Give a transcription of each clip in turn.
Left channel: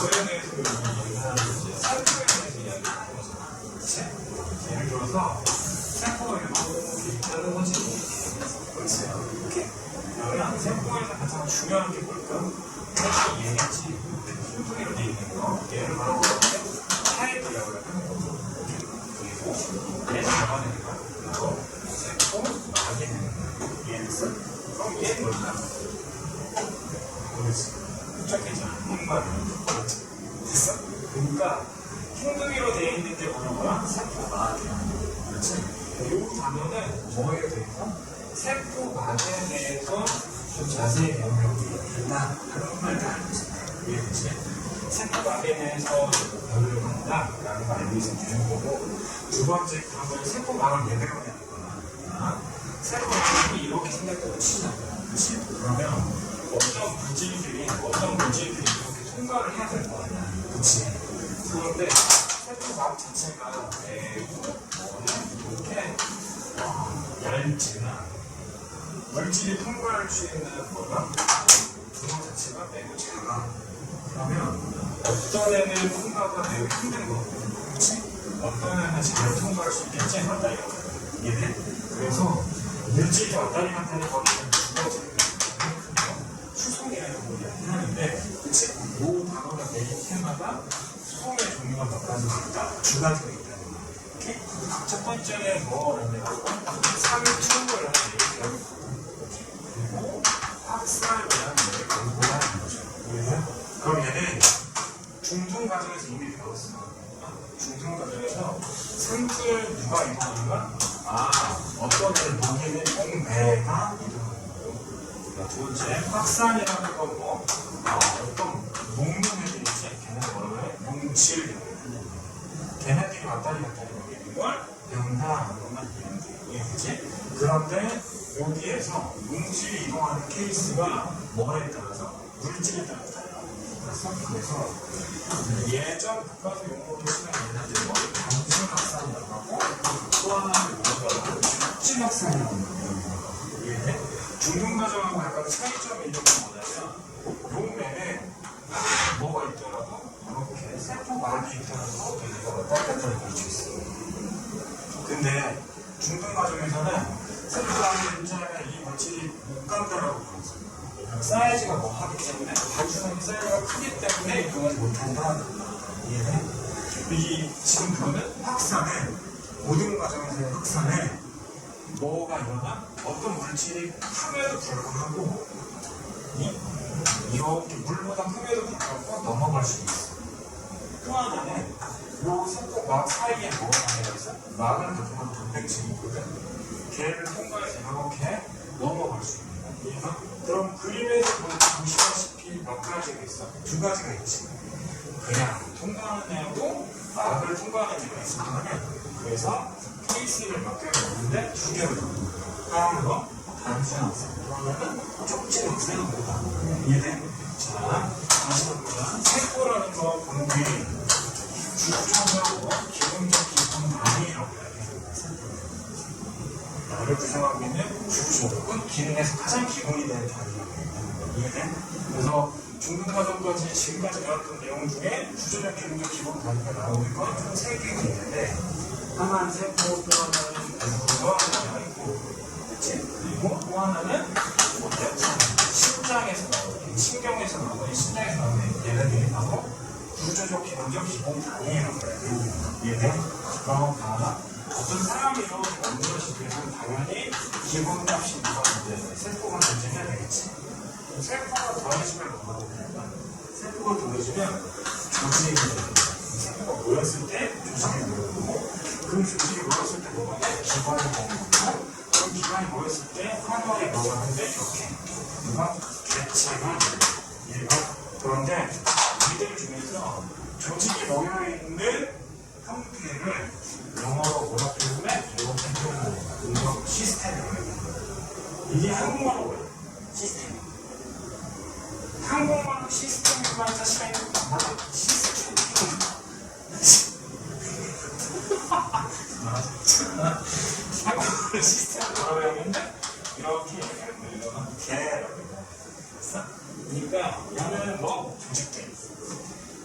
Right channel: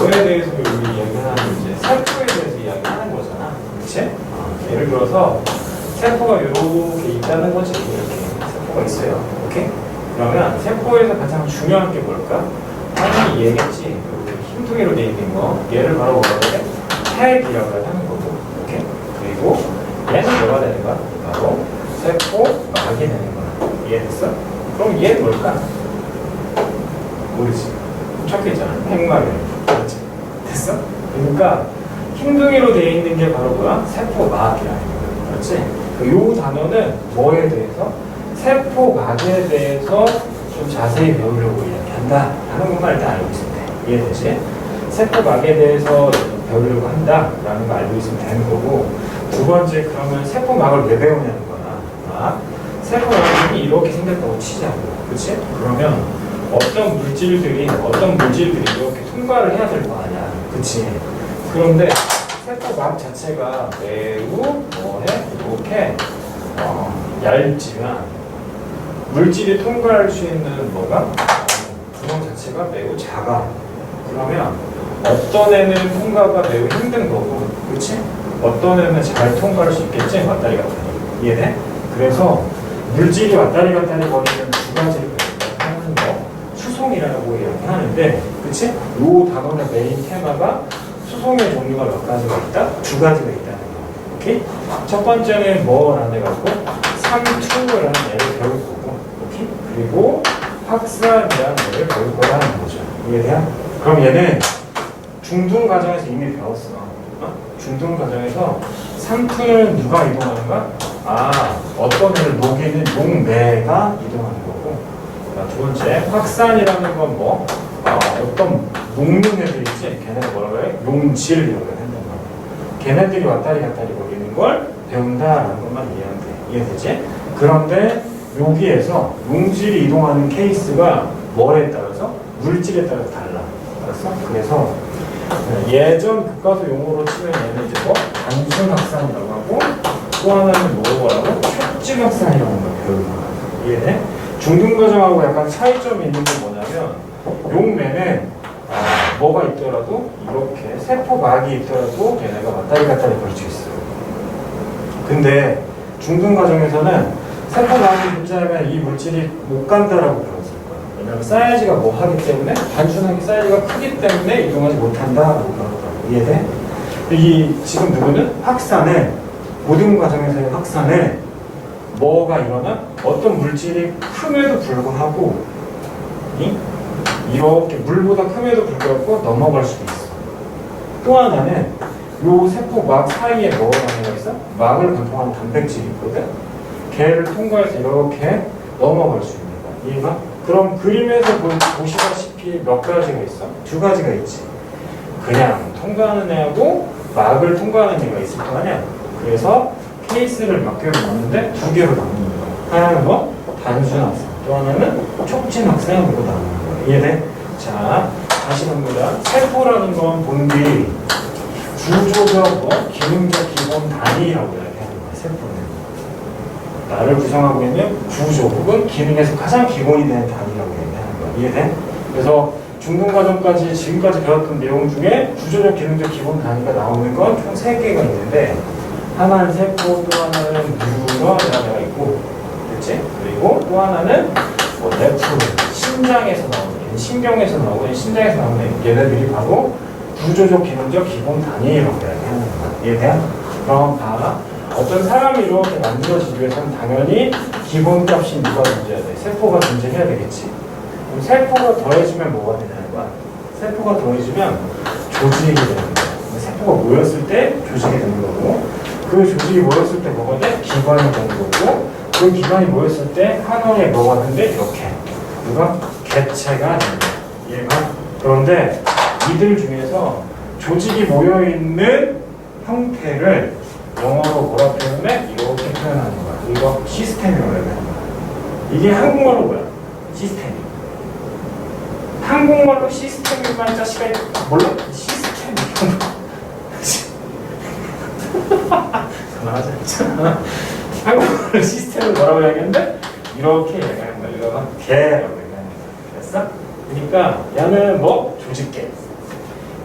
뭐에 대해서 여기 얘기하는 거지? 세포에 대해서 이야기하는 거잖아. 그치? 예를 들어서 세포가 이렇게 있다는 거지. 이렇게 세포가 있어요. 오케이? 그러면 세포에서 가장 중요한 게 뭘까? 당연히 얘겠지. 흰둥이로 돼 있는 거. 얘를 바로 뭐라고 해? 핵이라고 하는 거고. 오케이? 그리고 얘는 뭐가 되는 거야? 바로 세포막이 되는 거야. 이해됐어? 그럼 얘는 뭘까? 모르지. 적혀있잖아. 핵막이라고. 그렇지? 됐어? 그러니까 흰둥이로 되어 있는 게 바로 뭐야? 세포막이야. 그렇지? 이 단어는 뭐에 대해서? 세포막에 대해서 좀 자세히 배우려고 이야기한다 하는 것만 일단 알고 있으면 돼. 이해되지? 세포막에 대해서 배우려고 한다라는 거 알고 있으면 되는 거고, 두 번째, 그러면 세포막을 왜 배우냐는 거나, 세포막이 이렇게 생겼다고 치자고. 그치? 그러면 어떤 물질들이 이렇게 통과를 해야 될 거 아니야. 그치? 그런데 세포막 자체가 매우 이렇게 얇지만 물질이 통과할 수 있는 구멍 자체가 매우 작아. 그러면 어떤 애는 통과가 매우 힘든 거고, 그렇지? 어떤 애는 잘 통과할 수 있겠지? 왔다리 갔다리. 이해돼? 그래서 물질이 왔다리 갔다리 거리는 두 가지를 하는 거, 수송이라고 이야기하는데, 그렇지? 이 단어의 메인 테마가 수송의 종류가 몇 가지가 있다? 두 가지가 있다는 거. 오케이? 첫 번째는 뭐라는 애가 있고, 상투라는 애를 배울 거고, 오케이? 그리고 확산이라는 애를 배울 거라는 거죠. 이해돼요? 그럼 얘는 중등 과정에서 이미 배웠어. 중등 과정에서 상투는 누가 이동하는가? 어떤 애를 녹이는 용매가 이동하는 거고. 자, 두 번째, 확산이라는 건 어떤 녹는 애들 있지? 걔네가 뭐라고 해? 용질이라고 한단 말이야. 걔네들이 왔다리 갔다리 거리는 걸 배운다라는 것만 이해하면 돼. 이해되지? 그런데 여기에서 용질이 이동하는 케이스가 뭐에 따라서? 물질에 따라서 달라. 알았어? 그래서 예전 교과서 용어로 치면 얘는 이제 단순 확산이라고 하고, 또 하나는 뭐라고? 촉진 확산이라고 배우는 거야. 이해돼? 중등 과정하고 약간 차이점이 있는 게 뭐냐면, 용매는 뭐가 있더라도 이렇게 세포막이 있더라도 얘네가 왔다리 갔다리 걸 수 있어요. 근데 중등 과정에서는 세포막이 붙자면 이 물질이 못 간다라고 배웠을 거야. 왜냐면 사이즈가 하기 때문에, 단순하게 사이즈가 크기 때문에 이동하지 못한다라고 배웠다고. 이해돼? 지금 누구는 확산에, 모든 과정에서의 확산에 뭐가 일어나? 어떤 물질이 큼에도 불구하고 이렇게 물보다 큼에도 불구하고 넘어갈 수도 있어. 또 하나는 요 세포막 사이에 뭐가 있어? 막을 구성하는 단백질이 있거든. 걔를 통과해서 이렇게 넘어갈 수 있는 거야. 이해가? 그럼 그림에서 보시다시피 몇 가지가 있어? 두 가지가 있지. 그냥 통과하는 애하고 막을 통과하는 애가 있을 거 아니야. 그래서 케이스를 몇 개로 넣는데 두 개로 넣는 거야. 하나는 단순 확산, 또 하나는 촉진 확산으로 나누는 거야. 이해돼? 자, 다시 봅니다. 세포라는 건 본디 구조적, 기능적 기본 단위라고 이야기하는 거야. 세포는 나를 구성하고 있는 구조 혹은 기능에서 가장 기본이 되는 단위라고 얘기하는 거야. 이해돼? 그래서 중등 과정까지 지금까지 배웠던 내용 중에 구조적, 기능적 기본 단위가 나오는 건 총 3개가 있는데, 하나는 세포, 또 하나는 뉴런이라는 애가 있고, 그렇지? 그리고 또 하나는 뇌프, 신장에서 나오는, 신경에서 나오는, 신장에서 나오는 얘네들이 바로 구조적, 기능적 기본 단위라고 이야기하는 거야. 이해돼? 그럼 어떤 사람이 이렇게 만들어지기 위해서는 당연히 기본값이 누가 존재해야 돼? 세포가 존재해야 되겠지. 그럼 세포가 더해지면 뭐가 되냐는 거야? 세포가 더해지면 조직이 되는 거야. 세포가 모였을 때 조직이 되는 거고, 그 조직이 모였을 때 뭐가 돼? 기관이 되는 거고, 그 기관이 모였을 때 하나의 뭐가 되는데 이렇게 개체가 되는 거야. 이해가? 그런데 이들 중에서 조직이 모여있는 형태를 영어로 뭐라 표현해? 이렇게 표현하는 거야. 이거 시스템이라고 해야 돼. 이게 한국말로 뭐야? 시스템. 한국말로 시스템만 자식아 몰라? 시스템. 전화하자. 한국말로 시스템을 뭐라고 이야기하는데 이렇게 얘기하는 거야. 이거는 개라고 얘기하는 거야. 됐어? 그러니까 얘는 조직계.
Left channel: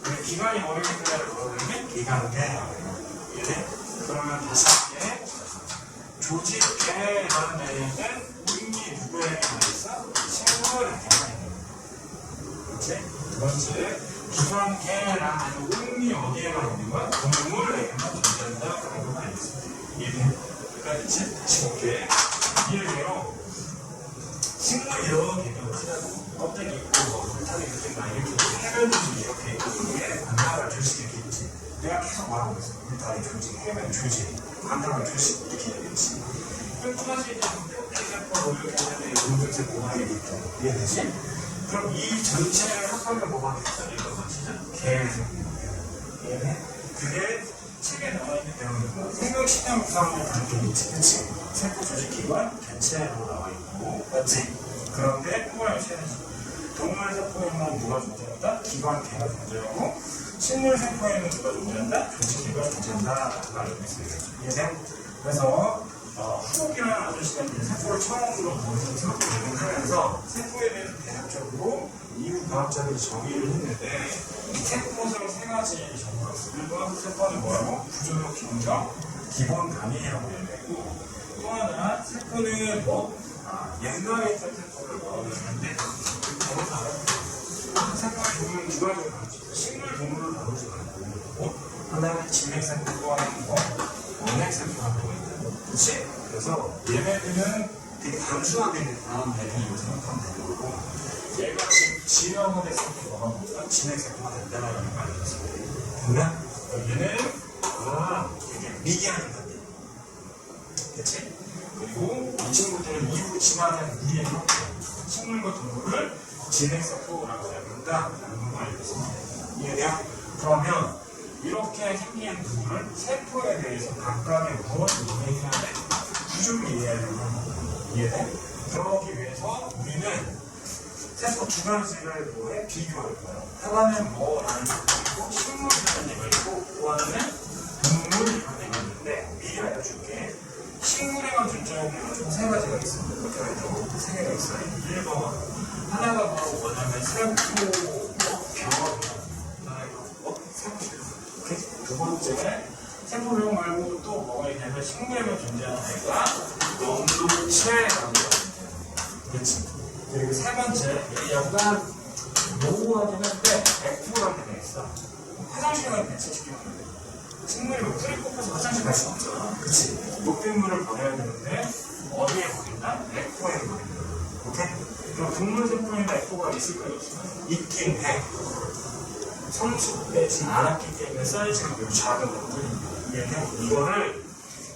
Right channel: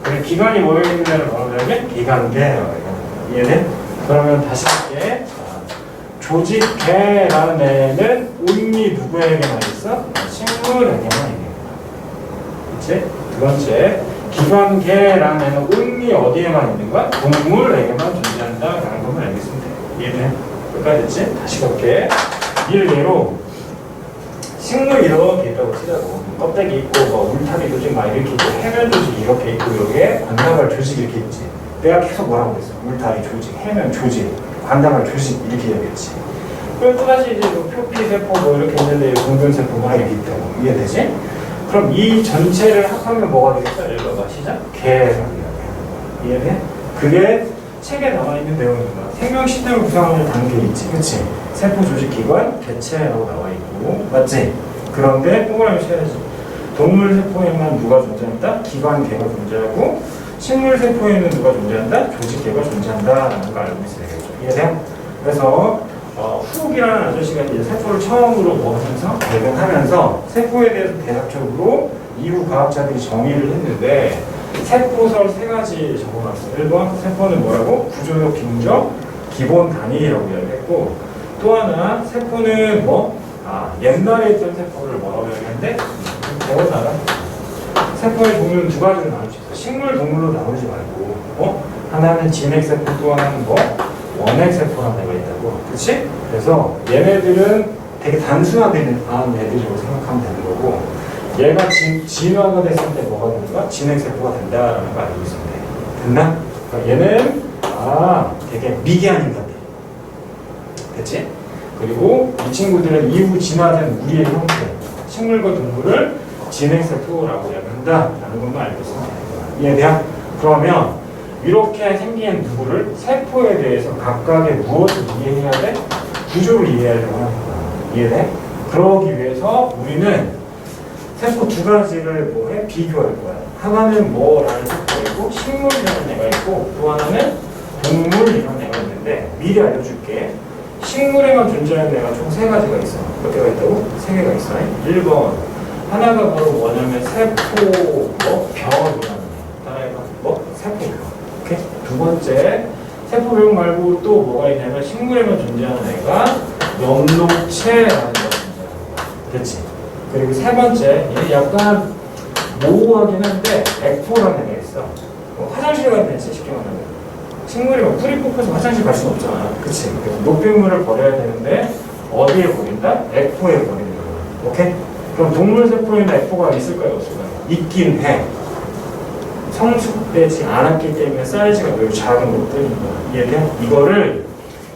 그리고 기관이 모여있는 데를 뭐라고 하냐면 기관계라고 해요. 이해돼? 그러면 다시 할게. 조직계라는 애는 온리 누구에게만 있어? 식물에게만 있는 거야. 그치? 두 번째, 기관계라는 애는 온리 어디에만 있는 거야? 동물에게만 존재한다라는 것만 알겠으면 돼. 이해돼? 끝까지 됐지? 다시 볼게. 일례로 식물 이렇게 있다고 치자고. 껍데기 있고 뭐 울타리 조직 막 이렇게 있고 해면 조직 이렇게 있고 여기에 관다발 조직 이렇게 있지. 내가 계속 뭐라고 했어? 울타리 조직, 해면 조직, 관다발 조직 이렇게 얘기했지. 그럼 또다시 이제 뭐 표피세포 뭐 이렇게 있는데 공변세포가 이렇게 있다고. 이해되지? 그럼 이 전체를 합하면 뭐가 되겠어? 읽어봐. 시작. 개라고 이해돼? 그게 책에 나와 있는 내용인 거야. 생명 시스템을 구성하는 단계 있지. 그치? 세포 조직 기관, 개체라고 나와 있고. 맞지? 그런데 동그라미 쳐야지. 동물 세포에만 누가 존재한다? 기관계가 존재하고, 식물 세포에는 누가 존재한다? 조직계가 존재한다라는 걸 알고 있어야 되겠죠. 이해돼요? 그래서 후옥이라는 아저씨가 이제 세포를 처음으로 보면서 발견하면서 세포에 대해서 대략적으로 이후 과학자들이 정의를 했는데 세포설 세 가지 적어놨어요. 1번 세포는 뭐라고? 구조적, 기능적, 기본 단위라고 이야기했고, 또 하나 세포는 뭐? 옛날에 있던 세포를 뭐라고 얘기하는데 배워나가 세포의 종류는 두 가지로 나눌 수 있어. 식물, 동물로 나누지 말고 하나는 진핵세포, 또 하나는 뭐? 원핵세포라는 애가 있다고. 그치? 그래서 얘네들은 되게 단순하게 나온 애들이라고 생각하면 되는 거고, 얘가 진화가 됐을 때 뭐가 된다? 진핵세포가 된다라는 거 알고 있으면 돼. 됐나? 그러니까 얘는 되게 미개한 인간들. 됐지? 그리고 이 친구들은 이후 진화된 우리의 형태, 식물과 동물을 진핵세포라고 이야기한다라는 것만 알고 있으면 돼. 이해돼요? 그러면 이렇게 생긴 누구를 세포에 대해서 각각의 무엇을 이해해야 돼? 구조를 이해해야 되는 거야. 이해돼? 그러기 위해서 우리는 세포 두 가지를 뭐해? 비교할 거야. 하나는 뭐라는 세포이고 식물이라는 애가 있고, 또 하나는 동물이라는 애가 있는데 미리 알려줄게. 식물에만 존재하는 애가 총 세 가지가 있어. 몇 개가 있다고? 세 개가 있어. 1번 하나가 바로 뭐냐면 세포 벽이라는 애. 따라해봐. 세포벽. 오케이? 두 번째, 세포벽 말고 또 뭐가 있냐면 식물에만 존재하는 애가 연록체라는 애가 존재해. 됐지? 그리고 세 번째, 얘 약간 모호하긴 한데 액포라는 애가 있어. 화장실 가야 되지, 쉽게 말하면. 식물이 막 풀이 뽑혀서 화장실 갈 수는 없잖아. 그치? 그래서 노폐물을 버려야 되는데 어디에 버린다? 액포에 버리는 거야. 오케이? 그럼 동물 세포에는 액포가 있을까요? 없을까요? 있긴 해. 성숙되지 않았기 때문에 사이즈가 매우 작은 것뿐인 거야. 이해돼? 이거를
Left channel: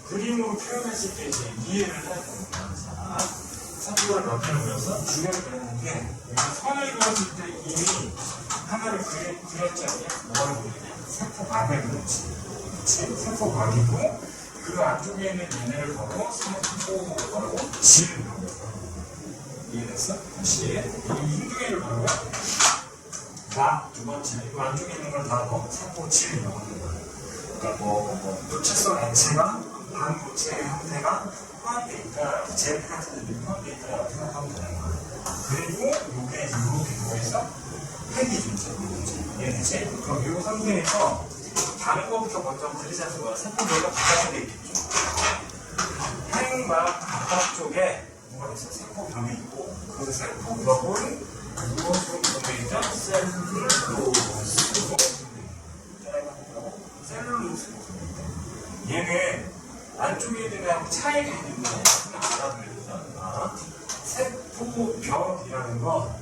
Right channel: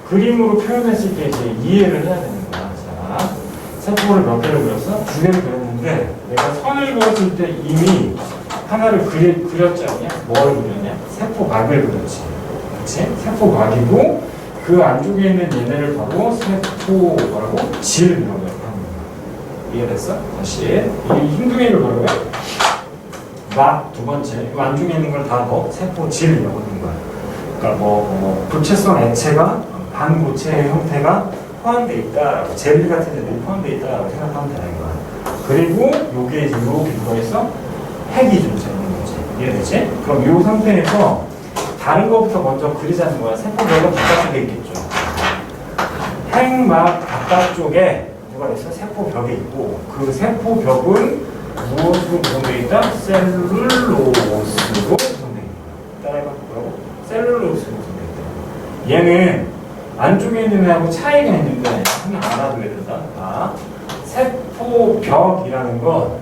그림으로 표현했을 때 이제 이해를 해야 되는 거야. 자, 세포를 몇 개를 그렸어? 두 개를 그렸는데 내가 선을 그렸을 때 이미 하나를 그렸지 않냐? 뭘 그렸냐? 세포막을 그렸지. 그치? 세포막이고 그 안쪽에 있는 얘네를 바로 세포 뭐라고? 질이라고 해요. 이해됐어? 다시 이 흰둥이를 뭐라고요? 막 두 번째 이 안쪽에 있는 걸 다 세포 질이라고 하는 거야. 그러니까 부채성 액체가 반고체의 형태가 포함되어 있다, 젤리 같은 애들이 포함되어 있다라고 생각하면 되는 거야. 그리고 요게 이제 이렇게 들어있어 핵이 존재하는 거지. 이해되지? 그럼 요 상태에서 다른 것부터 먼저 그리자는 거야. 세포벽은 바깥쪽에 있겠죠. 핵막 바깥쪽에 누가 있어? 세포벽에 있고, 그 세포벽은 무엇으로 구성되어 있다? 셀룰로스로 구성되어 있다. 따라해봐. 뭐라고? 셀룰로스로 구성되어 있다. 얘는 안쪽에 있는 애하고 차이가 있는데 하나 알아둬야 된다. 세포벽이라는 건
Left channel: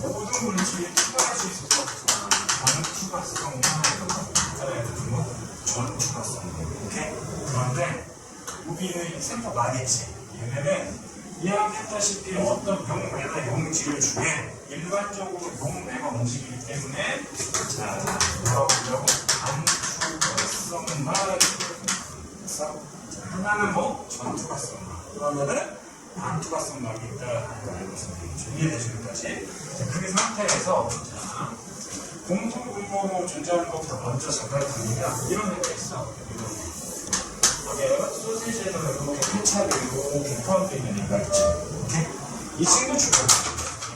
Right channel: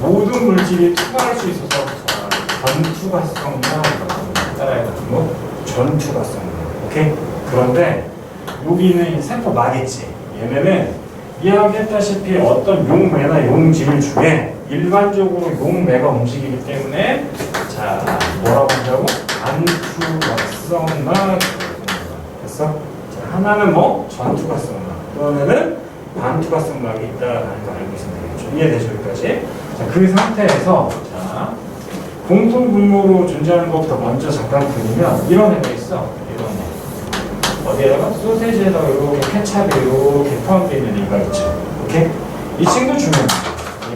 모든 물질이 투과할 수 있어서 전투가성이라고 합니다. 따라해봐. 전투가성. 오케이? 그런데 여기는 세포막이지. 얘네는 이야기했다시피 어떤 용매나 용질 중에 일반적으로 용매가 움직이기 때문에 뭐라고 한다고? 반투가성막. 됐어? 자, 하나는 전투가성막, 또 하나는 반투가성막이 있다라는 걸 알고 있으면 되겠죠. 이해되죠? 여기까지? 자, 그 상태에서 공통 분모로 존재하는 것부터 먼저 잠깐 그리면 이런 애가 있어. 이런 애. 어디에다가? 소세지에다가 이렇게 케찹이 이렇게 포함되어 있는 애가 있죠. 오케이? 이 친구 중요합니다.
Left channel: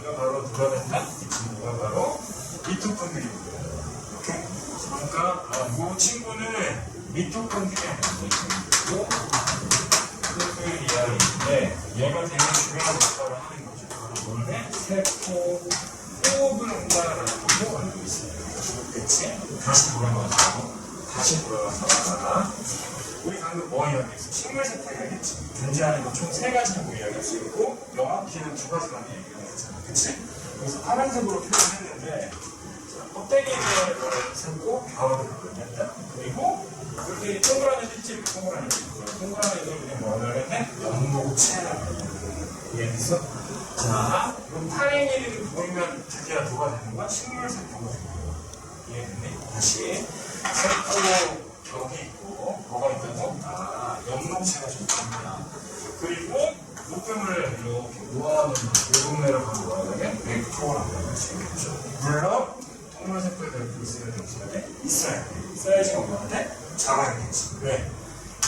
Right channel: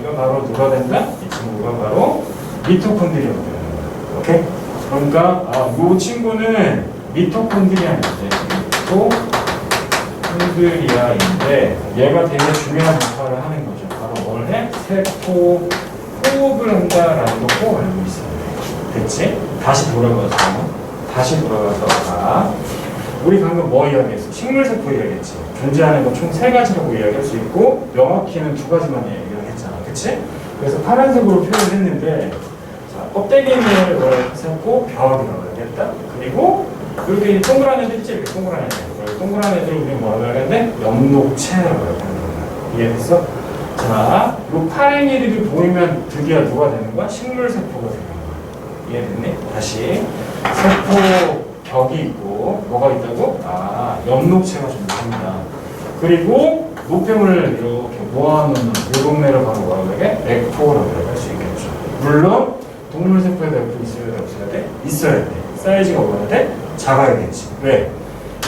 이거 바로 누가 된다? 이 친구가 바로 미토콘드리아가 되는 거야. 오케이? 그러니까 이 친구는 미토콘드리아인데 미토콘드리아인데 얘가 되게 중요한 역할을 하는 거죠. 바로 뭘 해? 세포 호흡을 한다라는 거 꼭 알고 있어요. 됐지? 다시 돌아가서 우리 방금 뭐 이야기했어? 식물세포 이야기했지. 존재하는 건 총 3가지라고 이야기할 수 있고 명확히는 2가지만 이야기했잖아. 그치? 그래서 파란색으로 표현을 했는데 자, 껍데기를 세포 벽이라고 이야기했다. 그리고 이렇게 동그란 애들 있지? 이렇게 동그란 애들. 동그란 애들 우리 뭐라고 하는데 엽록체라고 하는 거야. 이해됐어? 자, 이 파랭이들이 보이면 드디어 누가 되는 거야? 식물세포가 되는 거야. 이해됐니? 다시 세포 벽이 있고 뭐가 있다고? 엽록체가 좀 있습니다. 그리고 노폐물을 이렇게 모아놓는 이 동네를 바로 뭐라고 해? 에코라고 할 수 있겠죠. 물론 동물 세포에도 에코 있어야 돼? 없어야 돼? 있어야 돼. 사이즈가 얼마나 돼? 작아야겠지. 왜?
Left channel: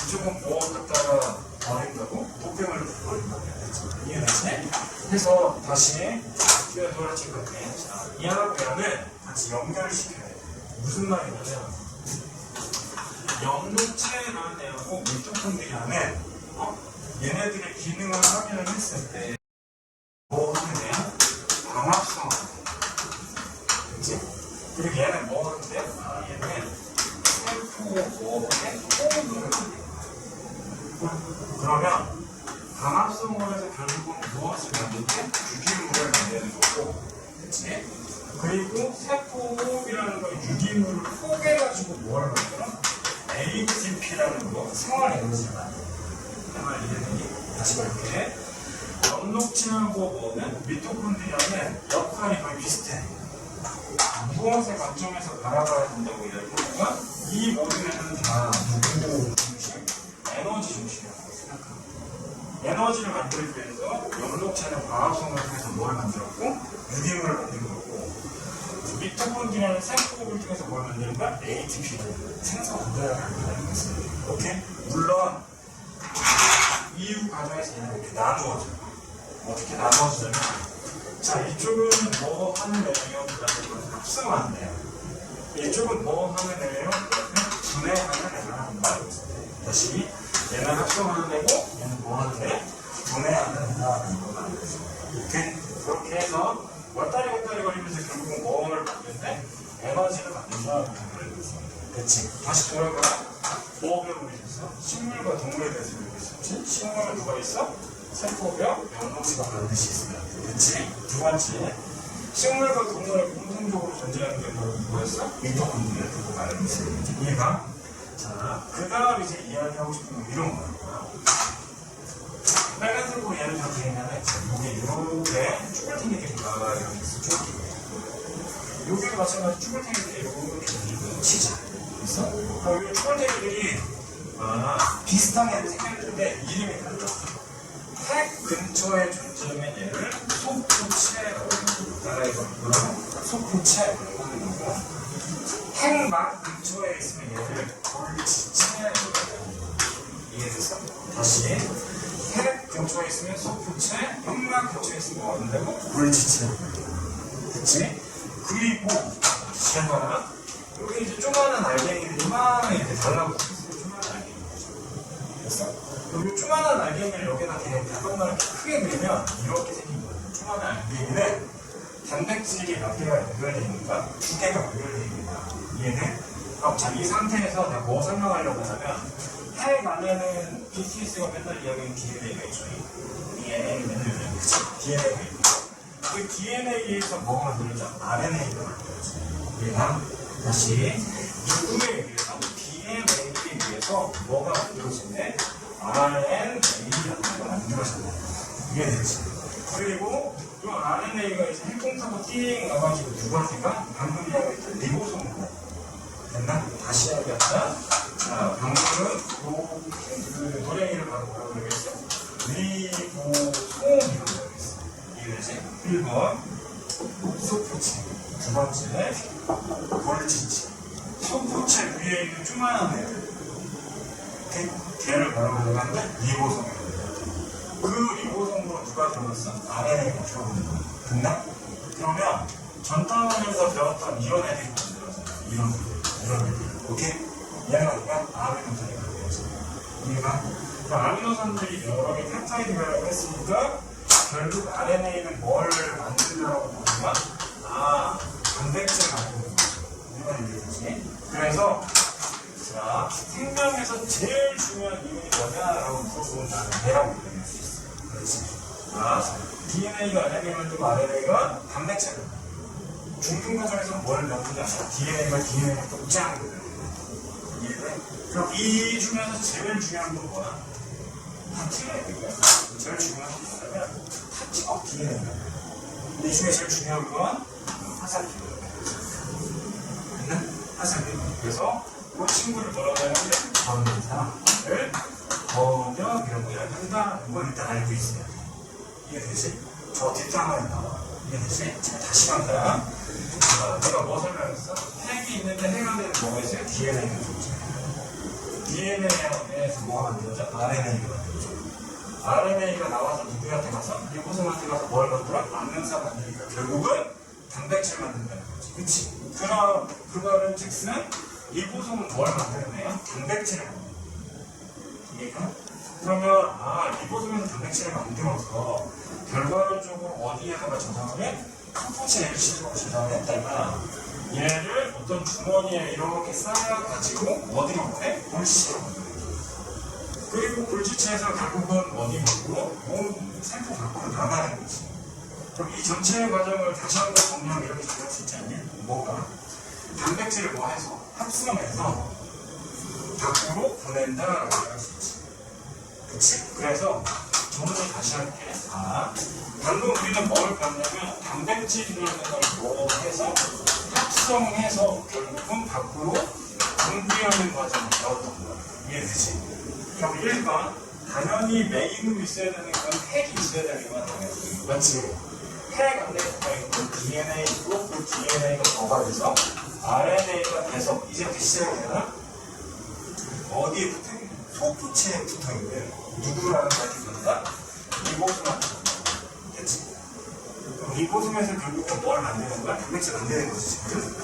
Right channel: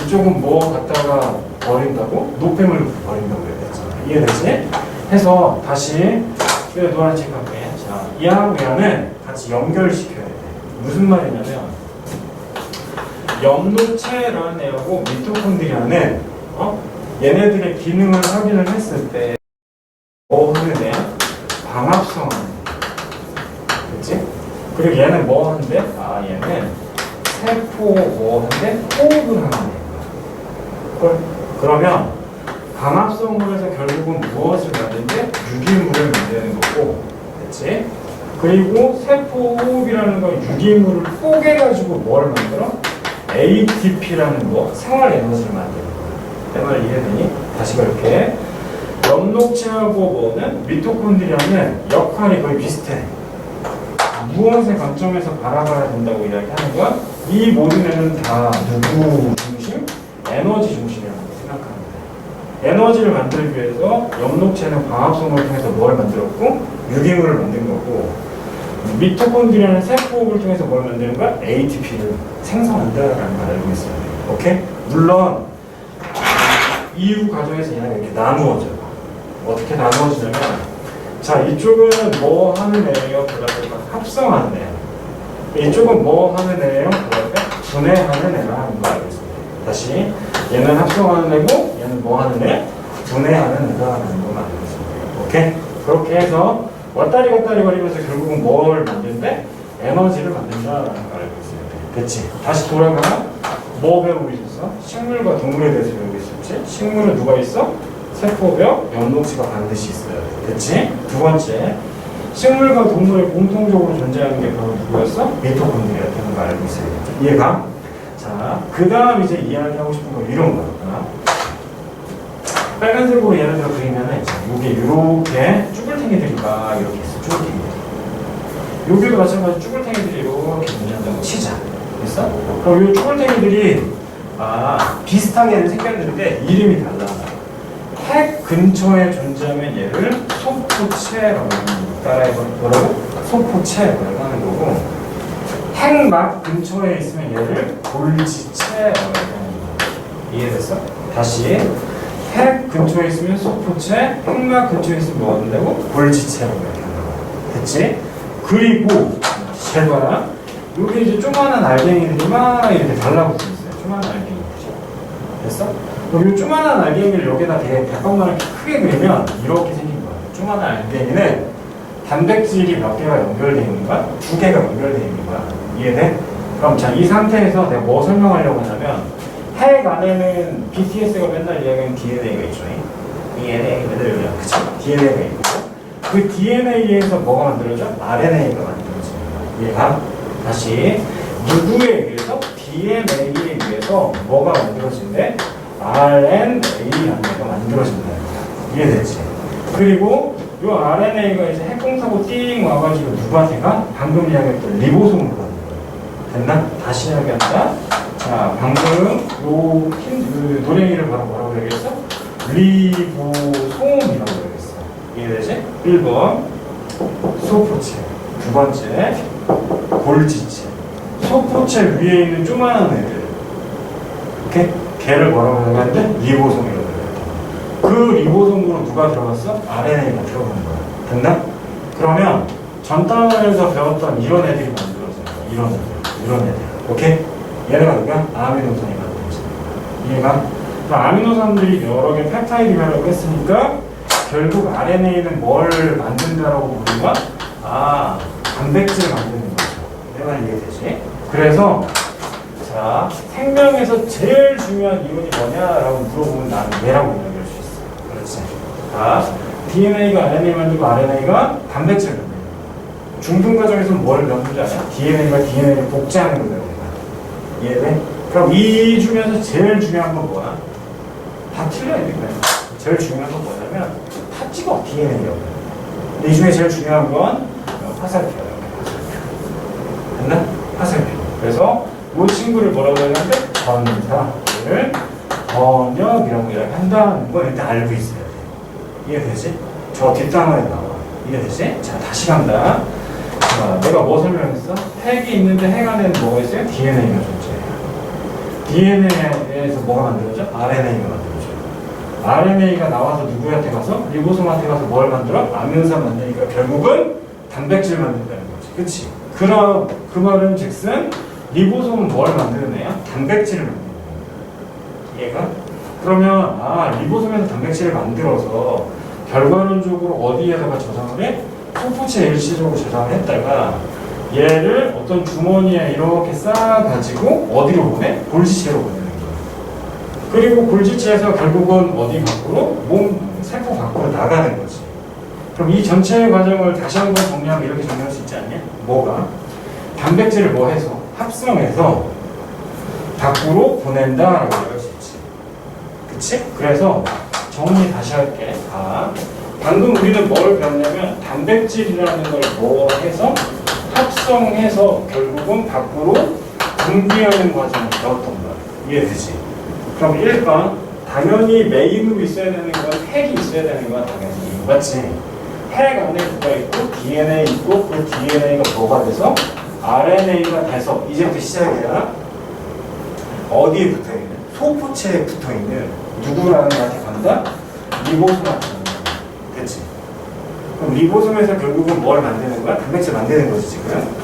이쪽은 뭐 갖다가 버린다고? 노폐물을 버린다고 해야 되잖아. 이해되지? 해서 다시 노란 책 할게. 자, 이하고 야는 같이 연결시켜야 돼. 무슨 말이냐면 엽록체라는 애하고 미토콘드리아는 얘네들의 기능을 확인을 했을 때 뭐 하는 애야? 방합성 하는 애. 그치? 그리고 얘는 뭐 하는데? 얘는 세포 뭐 하는데? 호흡을 하는 애야. 그러면 방합성으로 해서 결국은 무엇을 만드는데? 유기물을 만드는 거고, 그치? 그리고 세포 호흡이라는 건 유기물을 쪼개가지고 뭘 만들어? ATP라는 거, 생활 에너지를 만드는 거야. 내 말 이해되니? 다시 볼게. 엽록체하고 뭐는? 미토콘드리아는 역할이 거의 비슷해. 무엇의 관점에서 바라봐야 된다고 이야기하는 건 이 모든 애는 다 누구 중심? 에너지 중심이라고 생각합니다. 에너지를 만들기 위해서 엽록체는 방합성을 통해서 뭘 만들었고 유기물을 만든 거고 미토콘드리아는 세포호흡을 통해서 뭘 만드는 거야? ATP를 생성한다라는 걸 알고 있어야 돼요. 오케이? 물론 이후 과정에서 얘네가 이렇게 나누어져요. 어떻게 나누어지냐면 자, 이쪽은 뭐 하는 애예요? 그다음에 합성하는 애예요. 이쪽은 뭐 하는 애예요? 그다음에 분해하는 애라는 걸 알고 있습니다. 다시 얘는 합성하는 애고 얘는 뭐 하는 애? 분해하는 애다라는 걸 알고 있습니다. 오케이? 그렇게 해서 왔다리 갔다리 거리면서 결국은 뭘 만드는데? 에너지를 만든다라는 걸 알고 있습니다. 됐지? 다시 돌아가. 뭐 배우고 있었어? 식물과 동물에 대해서 배우고 있었지? 식물은 누가 있어? 세포벽, 엽록체가 반드시 있어야 돼. 됐지? 두 번째, 식물과 동물에 공통적으로 존재하는 게 바로 누구였어? 미토콘드리아라는 걸 알고 있어야 돼. 이해가? 자, 그 다음 이제 이야기하고 싶은 건 이런 거야. 빨간색으로 예를 들어 그리면은 이게 이렇게 쭈글탱이들이가 이렇게 있어. 쭈글탱이들. 여기도 마찬가지 쭈글탱이들이 이렇게 있는다고 치자. 됐어? 그럼 이 쭈글탱이들이 비슷하게 생겼는데 이름이 달라. 핵 근처에 존재하면 얘를 소포체라고 하는 거고 따라해봐. 뭐라고? 소포체라고 하는 거고 핵막 근처에 있으면 얘를 골지체라고 하는 거고 이해됐어? 다시 핵 근처에 있으면 소포체, 핵막 근처에 있으면 뭐 한다고? 골지체라고 하는 거고 됐지? 그리고 잘 봐라. 여기 이제 조그마한 알갱이들이 막 이렇게 달라붙어 있어요. 조그마한 알갱이들. 됐어? 그럼 이 조그마한 알갱이를 여기다 대빵만을 크게 그리면 이렇게 생긴 거야. 조그마한 알갱이는 단백질이 몇 개가 연결되어 있는 거야? 2개가 연결되어 있는 거야. 이해돼? 그럼 자, 이 상태에서 내가 뭐 설명하려고 하냐면 핵 안에는 BTS가 맨날 이야기하는 DNA가 있죠. DNA, 맨날 이야기하는 그치? DNA가 있고 그 DNA에서 뭐가 만들어져? RNA가 만들어져. 이해가? 다시 누구에 의해서? DNA에 의해서 뭐가 만들어진대? RNA라는 거 만들어진다. 이해됐지? 그리고 이 RNA가 이제 핵공사고 띵 와가지고 누구한테 가? 방금 이야기했던 리보솜으로 가는 거야. 됐나? 다시 이야기한다. 자, 방금 요 노랭이를 바로 뭐라고 얘기했어? 리보솜이라고 얘기했어. 이해되지? 1번 소포체, 두 번째 골지체. 소포체 위에 있는 조그만한 애들. 오케이? 걔를 뭐라고 하는데 리보솜이라고 해요. 그 리보솜으로 누가 들어갔어? RNA가 들어간 거야. 됐나? 그러면 전 단원에서 배웠던 이런 애들이 만들어져요. 이런 애들. 오케이? 얘네가 누구야? 아미노산이 만들어져. 이해가? 그럼 아미노산들이 여러 개 펩타이드라고 했으니까 결국 RNA는 뭘 만든다라고 보면 단백질을 만드는 거죠. 내 말 이해되지? 그래서 자, 생명에서 제일 중요한 이론이 뭐냐라고 물어보면 나는 얘라고 이야기할 수 있어. 그렇지. 자, DNA가 RNA 만들고 RNA가 단백질을 만들고 중등 과정에서 뭘 만드는지 알아? DNA가 DNA를 복제하는 거예요. 이해돼? 그럼 이 중에서 제일 중요한 건 뭐야? 다 틀려 있는 거야. 제일 중요한 건 뭐냐면 다 찍어 DNA라고. 근데 이 중에 제일 중요한 건 화살표예요. 됐나? 화살표. 그래서 이 친구를 뭐라고 하는데 전사를 번역이라고 이야기한다는 걸 일단 알고 있어야 돼. 이해되지? 저 뒷단어에 나와. 이해되지? 자, 다시 간다. 자, 내가 뭐 설명했어? 핵이 있는데 핵 안에는 뭐가 있어요? DNA가 존재해요. DNA에서 뭐가 만들어져? RNA가 만들어져. RNA가 나와서 누구한테 가서? 리보솜한테 가서 뭘 만들어? 아미노산 만드니까 결국은 단백질 만든다는 거지. 그치? 그럼 그 말은 즉슨 리보솜은 뭘 만드는 애야? 단백질을 만드는 거야. 얘가? 그러면 리보솜에서 단백질을 만들어서 결과론적으로 어디에다가 저장을 해? 소포체 일시적으로 저장을 했다가 얘를 어떤 주머니에 이렇게 쌓아가지고 어디로 보내? 골지체로 보내는 거야. 그리고 골지체에서 결국은 어디 밖으로? 세포 밖으로 나가는 거지. 그럼 이 전체 과정을 다시 한번 정리하면 이렇게 정리할 수 있지 않냐? 뭐가? 단백질을 뭐 해서? 합성해서 밖으로 보낸다라고 할 수 있지. 그치? 그래서 정리 다시 할게. 방금 우리는 뭘 배웠냐면 단백질이라는 걸 뭐 해서 합성해서 결국은 밖으로 분비하는 과정을 배웠던 거야. 이해되지? 그럼 1번 당연히 메인으로 있어야 되는 건 핵이 있어야 되는 거야. 당연히. 맞지? 핵 안에 뭐가 있고 DNA 있고 그 DNA가 뭐가 돼서 RNA가 돼서 이제부터 시작이야. 어디에 붙어있는? 소포체에 붙어있는 누구라는 애한테 간다? 리보솜한테 간다. 됐지? 그럼 리보솜에서 결국은 뭘 만드는 거야? 단백질 만드는 거지 지금.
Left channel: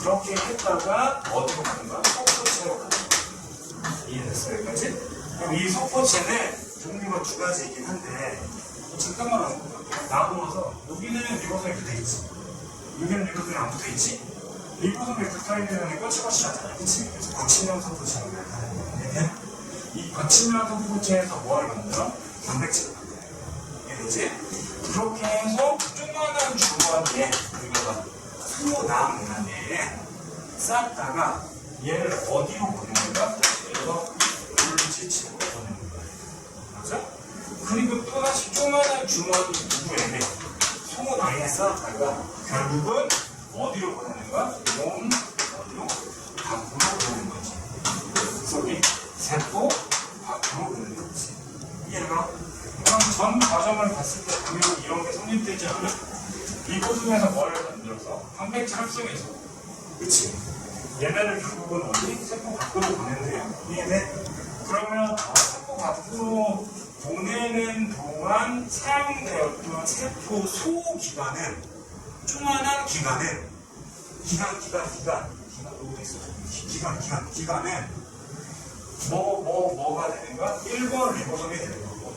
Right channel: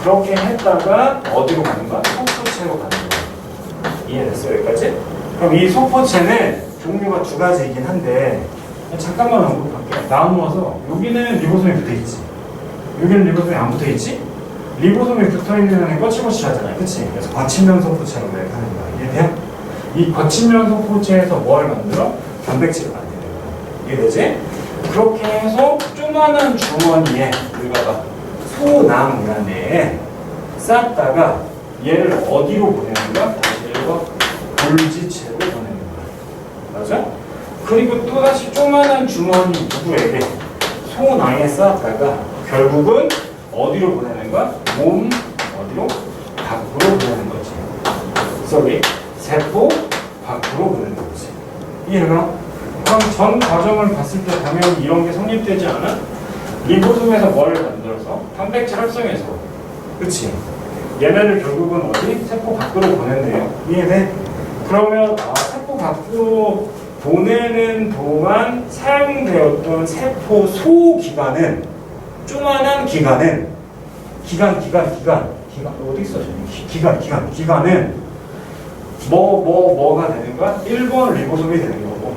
그렇게 했다가 어디로 가는 거야? 소포체로 가는 거야. 이해됐어 여기까지? 그럼 이 소포체는 종류가 두 가지이긴 한데 잠깐만 언급할게. 나누어서 여기는 리보솜이 붙어있지. 여기는 리보솜이 안 붙어있지? 리보솜이 붙어있는 애는 거칠거칠하잖아요. 그치? 그래서 거친면 소포체라고 하는 거야. 이해돼? 이 거친면 소포체에서 뭘 만들어? 단백질을 만드는 거야. 이해되지? 그렇게 해서 조그마한 주머니에 우리가 소낭이라는 애에 쌓다가 얘를 어디로 보내는 거야? 얘가 골지체로 보내는 거야. 맞아? 그리고 또다시 조그마한 주머니 누구에게 소낭에 쌓았다가 결국은 어디로 보내는 거야? 몸 어디로? 밖으로 보내는 거지. sorry, 세포 밖으로 보내는 거지. 이해가? 그럼 전 과정을 봤을 때 당연히 이런 게 성립되지 않아? 리보솜에서 뭘 만들어서? 단백질 합성해서. 그치? 얘네를 결국은 어디? 세포 밖으로 보낸대요. 이해돼? 그러면 세포 밖으로 보내는 동안 사용되었던 세포 소기관은 조그만한 기관은 기관 어디 있어? 기관은 뭐가 되는 거야? 1번 리보솜이 되는 거고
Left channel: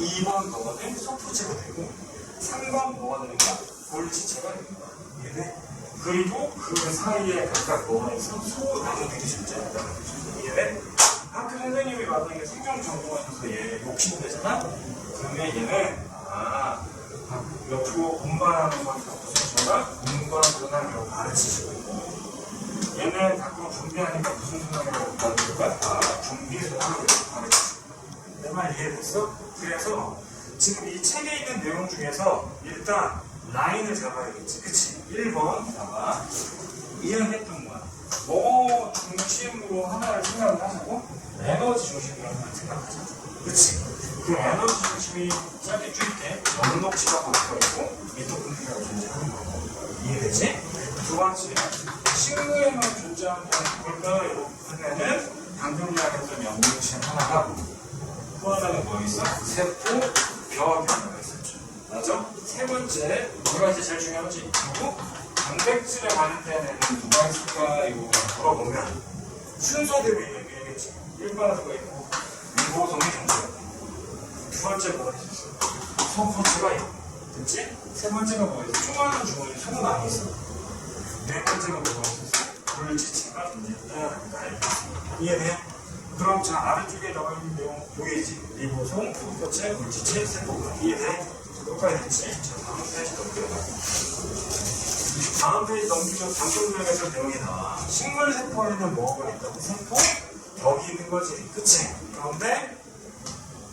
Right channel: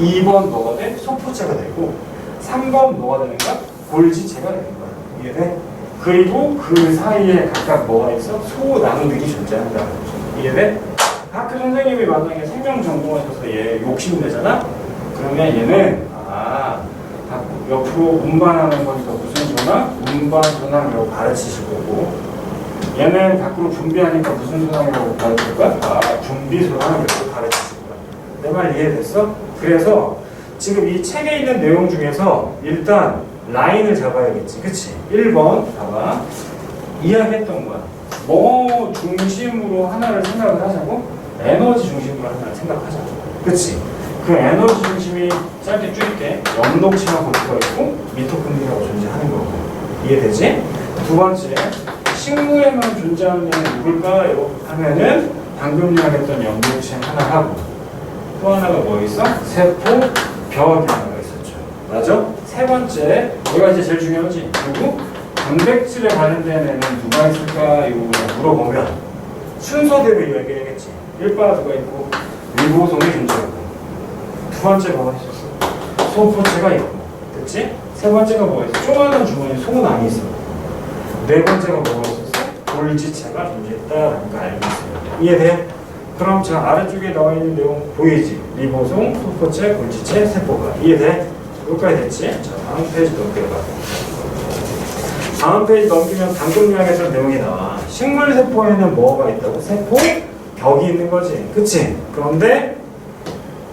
2번 뭐가 돼? 소포체가 되고 3번 뭐가 되는 거야? 골지체가 되는 거야. 이해돼? 그리고 그 사이에 각각 뭐가 있어? 소낭들이 존재한다는 거죠. 이해돼? 학교 선생님이 만약에 생명 전공하셔서 얘 욕심내잖아? 그러면 얘는 옆으로 운반하는 거니까 무슨 전환? 운반 전환이라고 가르치실 거고 얘는 밖으로 분비하니까 무슨 전환이라고 가르칠 거야? 분비 전환이라고 가르치실 거야. 내 말 이해됐어? 그래서 지금 이 책에 있는 내용 중에서 일단 라인을 잡아야겠지. 그치? 1번 봐봐. 이야기했던 거야. 뭐 중심으로 하나를 생각을 하자고? 에너지 중심으로 하나를 생각하자. 그치? 그 에너지 중심이 짧게 줄게. 염록체가 들어있고 미토콘드리아가 존재하는 거고. 이해되지? 두 번째, 식물에만 존재하는 게 누굴까요? 하면은 방금 이야기했던 염록체 하나 하고 또 하나가 뭐 있어? 세포 벽이 하나가 있었죠. 맞아? 세 번째, 얘가 이제 제일 중요하지. 누구? 단백질에 관련된 애는 누가 있을까? 이거 물어보면 순서대로 이야기해야겠지. 1바 누가 있고 리보솜이 존재하고 두 번째 뭐가 있었어? 소포체가 있고 됐지? 세 번째가 뭐가 있어? 조그마한 주머니 속은 안에 있어. 네 번째가 뭐가 있었어? 골지체가 존재했다라는 거 알고 있습니다. 이해돼? 그럼 자 아래쪽에 나와 있는 내용 보이지? 리보솜, 소포체, 골지체, 세포가 이해돼? 여기까지 됐지? 자 다음 페이지 넘겨봐. 다음 페이지 넘기면 방금 이야기했던 내용이 나와. 식물세포에는 뭐가 있다고? 세포 벽이 있는 거지. 그치? 그런데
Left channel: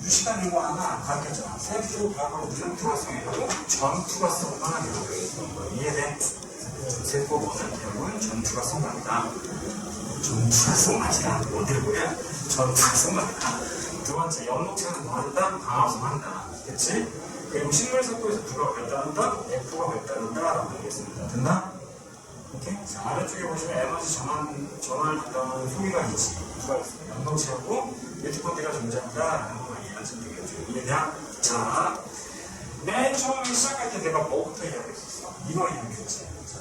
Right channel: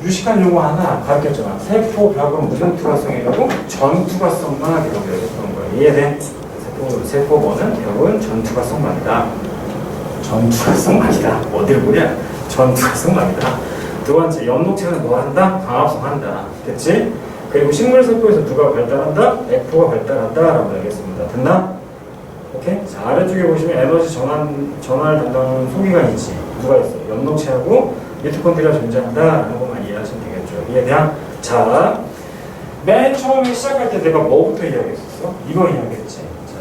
유식한 용어 하나 가르쳤잖아. 세포 벽은 무슨 투과성이라고? 전투과성만 기록을 했던 거야. 이해돼? 세포번은 벽은 전투과성만이다. 전투과성만이다. 어딜 보냐? 전투과성만이다. 두 번째, 연목체는 뭐 한다? 광합성한다. 됐지? 그리고 식물세포에서 누가 발달한다? F가 발달한다라고 얘기했습니다. 됐나? 오케이? 자, 아래쪽에 보시면 에너지 전환을 담당하는 소기가 있지. 누가 있어? 연목체하고 미토콘드리아 존재한다라는 것만 이해하시면 되겠죠. 이해되냐? 자, 맨 처음에 시작할 때 내가 뭐부터 이야기했었어? 이거 이야기했지. 자,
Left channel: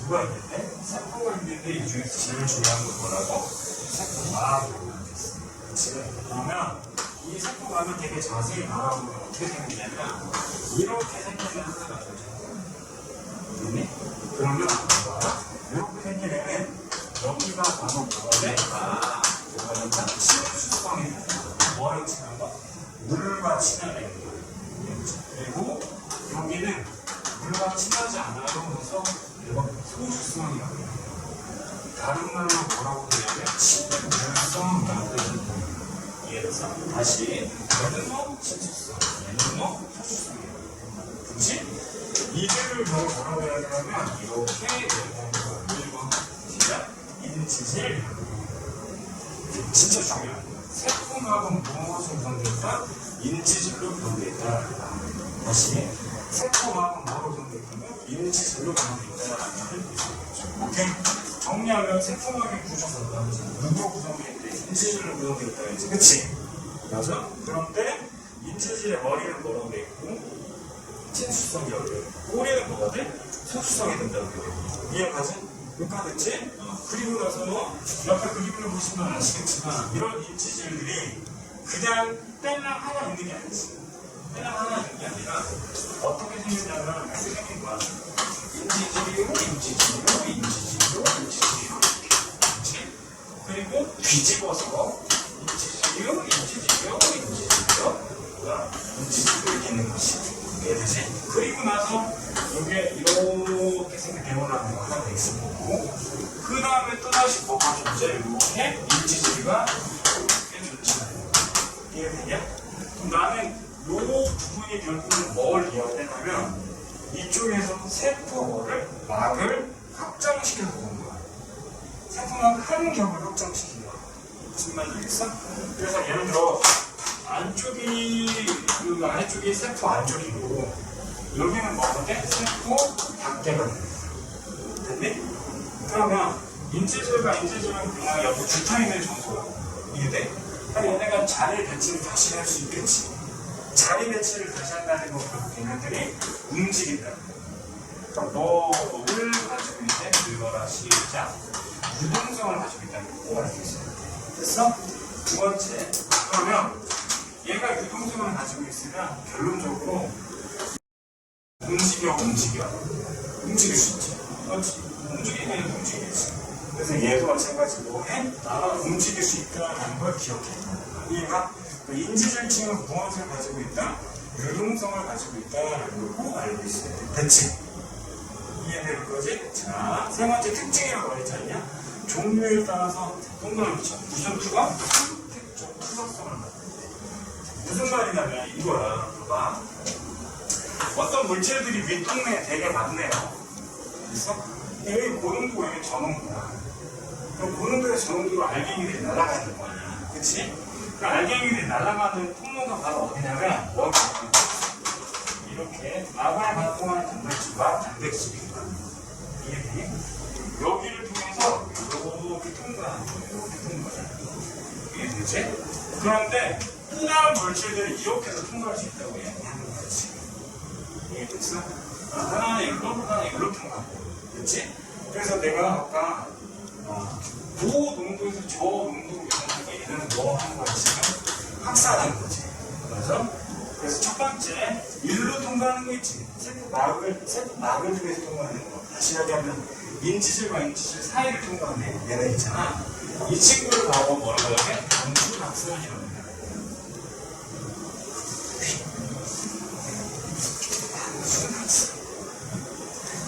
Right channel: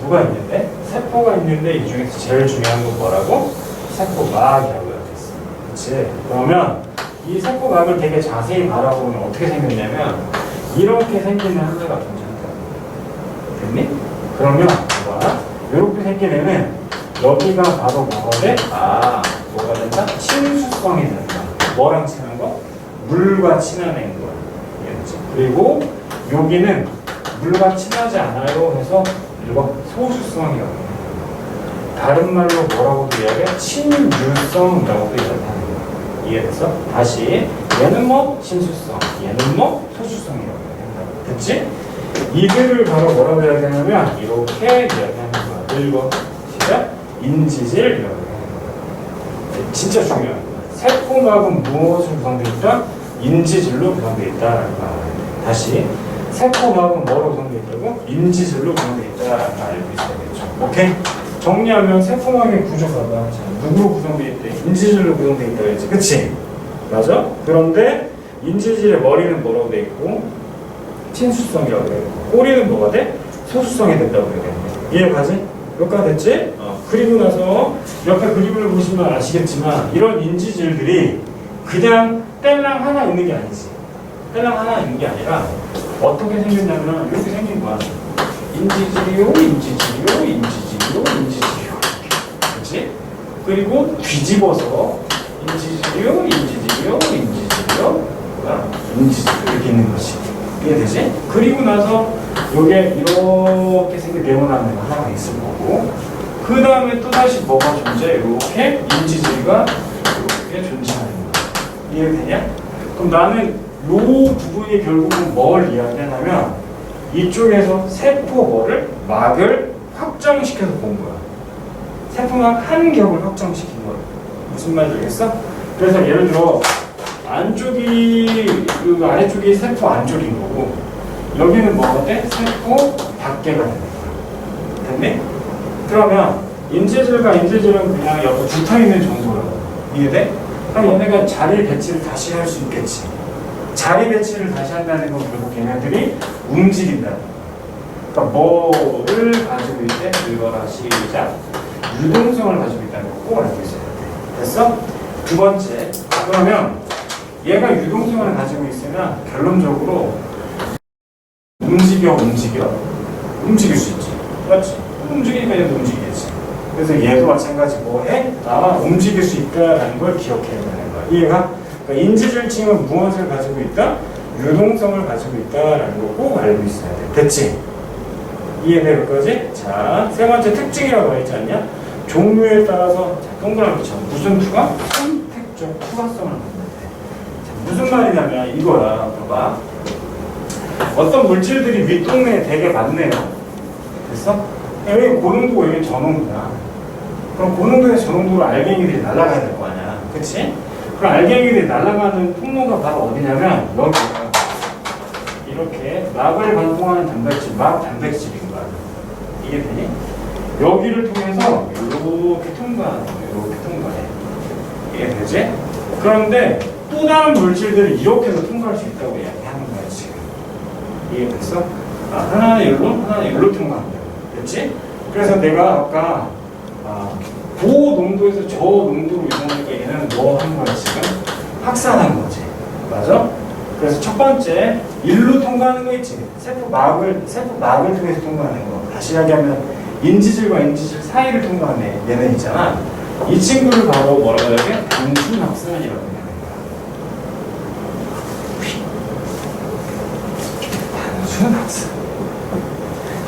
누가 있는데? 세포가 있는데 이 중에서 제일 중요한 건 뭐라고? 세포막이라고 이야기했어. 그치? 그러면 이 세포막을 되게 자세히 바라보면 어떻게 생겼냐면 이렇게 생기는 하나가 존재한다. 됐니? 그러면 봐봐. 이렇게 생긴 애는 여기가 바로 뭐가 돼? 뭐가 된다? 친수성이 된다. 뭐랑 친한 거? 물과 친한 앵글. 그리고 여기는 물과 친하지 않아요 해서 이거 소수성이라고 해요. 다른 말로 뭐라고도 이야기해? 친유성이라고도 이야기하는 거야. 이해됐어? 다시 얘는 뭐 친수성, 얘는 뭐 소수성이라고 해요. 됐지? 이들을 바로 뭐라고 이야기하냐면 이렇게 이야기하는 거야. 1번 시작. 인지질이라고 해요. 진짜 중요한 거야. 세포막은 무엇으로 구성되어 있다? 인지질로 구성되어 있다라는 거. 다시 세포막은 뭐로 구성되어 있다고? 인지질로 구성되어 있다라는 거 알고 있어야겠죠. 오케이? 정리하면 세포막의 구조가 누구로 구성되어 있대? 인지질로 구성되어 있다고 했지. 그치? 맞아? 그런데 인지질의 머리는 뭐라고 되어 있고 친수성이라고 되어 있고 꼬리는 뭐가 돼? 소수성이 된다고 되어 있고 이해가지? 여기까지 됐지? 그리고 나서 옆에 그림을 보시면 아시겠지만 이런 인지질들이 그냥 뗄랑 하나 있는 게 아니지. 뗄랑 하나 있는 게 아니라 어떻게 생겼냐면 이렇게 생긴 거야. 인지질이요, 인지질이요, 인지질이요, 인지질이요. 그렇지? 그리고 뒤집어서 인지질이요, 인지질이요, 인지질이요, 인지질이요 이렇게 있는 것이. 이해되지? 그리고 나서 이게 이렇게 생긴 네모난 애가 하나가 있을 거고 그 다음에 또다시 뭐가 존재? 이렇게 인지질과 이렇게 존재하는 거야. 이해되냐? 그럼 나는 이 부분이 결국은 뭘 이야기하냐면 이쪽에서 세포 막을 확장시켜서 본 거야. 세포막 한 겹을 확장시킨 거야. 무슨 말인지 알겠어? 그래서 예를 들어 안쪽이 그 아래쪽이 세포 안쪽인 거고 여기는 뭐가 돼? 세포 밖에가 되는 거야. 됐니? 그러면 인지질과 인지질은 그냥 옆에 붙어있는 정도라고. 이해돼? 그럼 얘네가 자리 배치를 다시 할 수 있겠지. 자리 배치를 다시 한다는 건 결국 걔네들이 움직인다는 거야. 그러니까 뭐를 가지고 있대? 읽어라 시작. 유동성을 가지고 있다는 거 꼭 알고 있어야 돼. 됐어? 두 번째. 그러면 얘가 유동성을 가지고 있으면 결론적으로 움직일 수 있지. 맞지? 움직이니까 얘도 움직이겠지. 그래서 얘도 마찬가지 뭐해? 움직일 수 있다라는 걸 기억해야 되는 거야. 이해가? 그러니까 인지질층은 무엇을 가지고 있다? 유동성을 가지고 있다라는 걸 꼭 알고 있어야 돼. 됐지? 이해될 거지? 자, 세 번째 특징이라고 했지 않냐? 종류에 따라서 동그라미 쳐. 무슨 투가? 선택적 투과성을 갖는다. 무슨 말이냐면 이거야. 봐봐. 어떤 물질들이 윗동네에 되게 많네요. 됐어? 여기 고농도, 여기 저농도야. 그럼 고농도에서 저농도로 알갱이들이 날아가야 될 거 아니야. 그치? 그럼 알갱이들이 날아가는 통로가 바로 어디냐면 여기야. 이렇게 막을 반공하는 단백질, 막 단백질인 거야. 이게 되니? 여기를 통해서 이렇게 통과하는 거야. 이렇게 통과해. 이게 되지? 그런데 또 다른 물질들이 이렇게 해서 통과할 수 있다고 이야기하는 거야, 지금. 이해됐어? 하나는 여기로, 하나는 여기로 통과한다. 그렇지? 그래서 내가 아까 그 농도에서 저 농도로 이동하니까 얘는 뭐 한 거야 지금? 확산한 거지. 맞아? 그래서 첫 번째 일로 통과하는 거 있지. 세포막을 통해서 통과하는 거. 다시 이야기하면 인지질과 인지질 사이를 통과하는 얘는 있잖아. 이 친구를 바로 뭐라고 해야 돼? 단순 확산이라고 해야 돼. 단순 확산.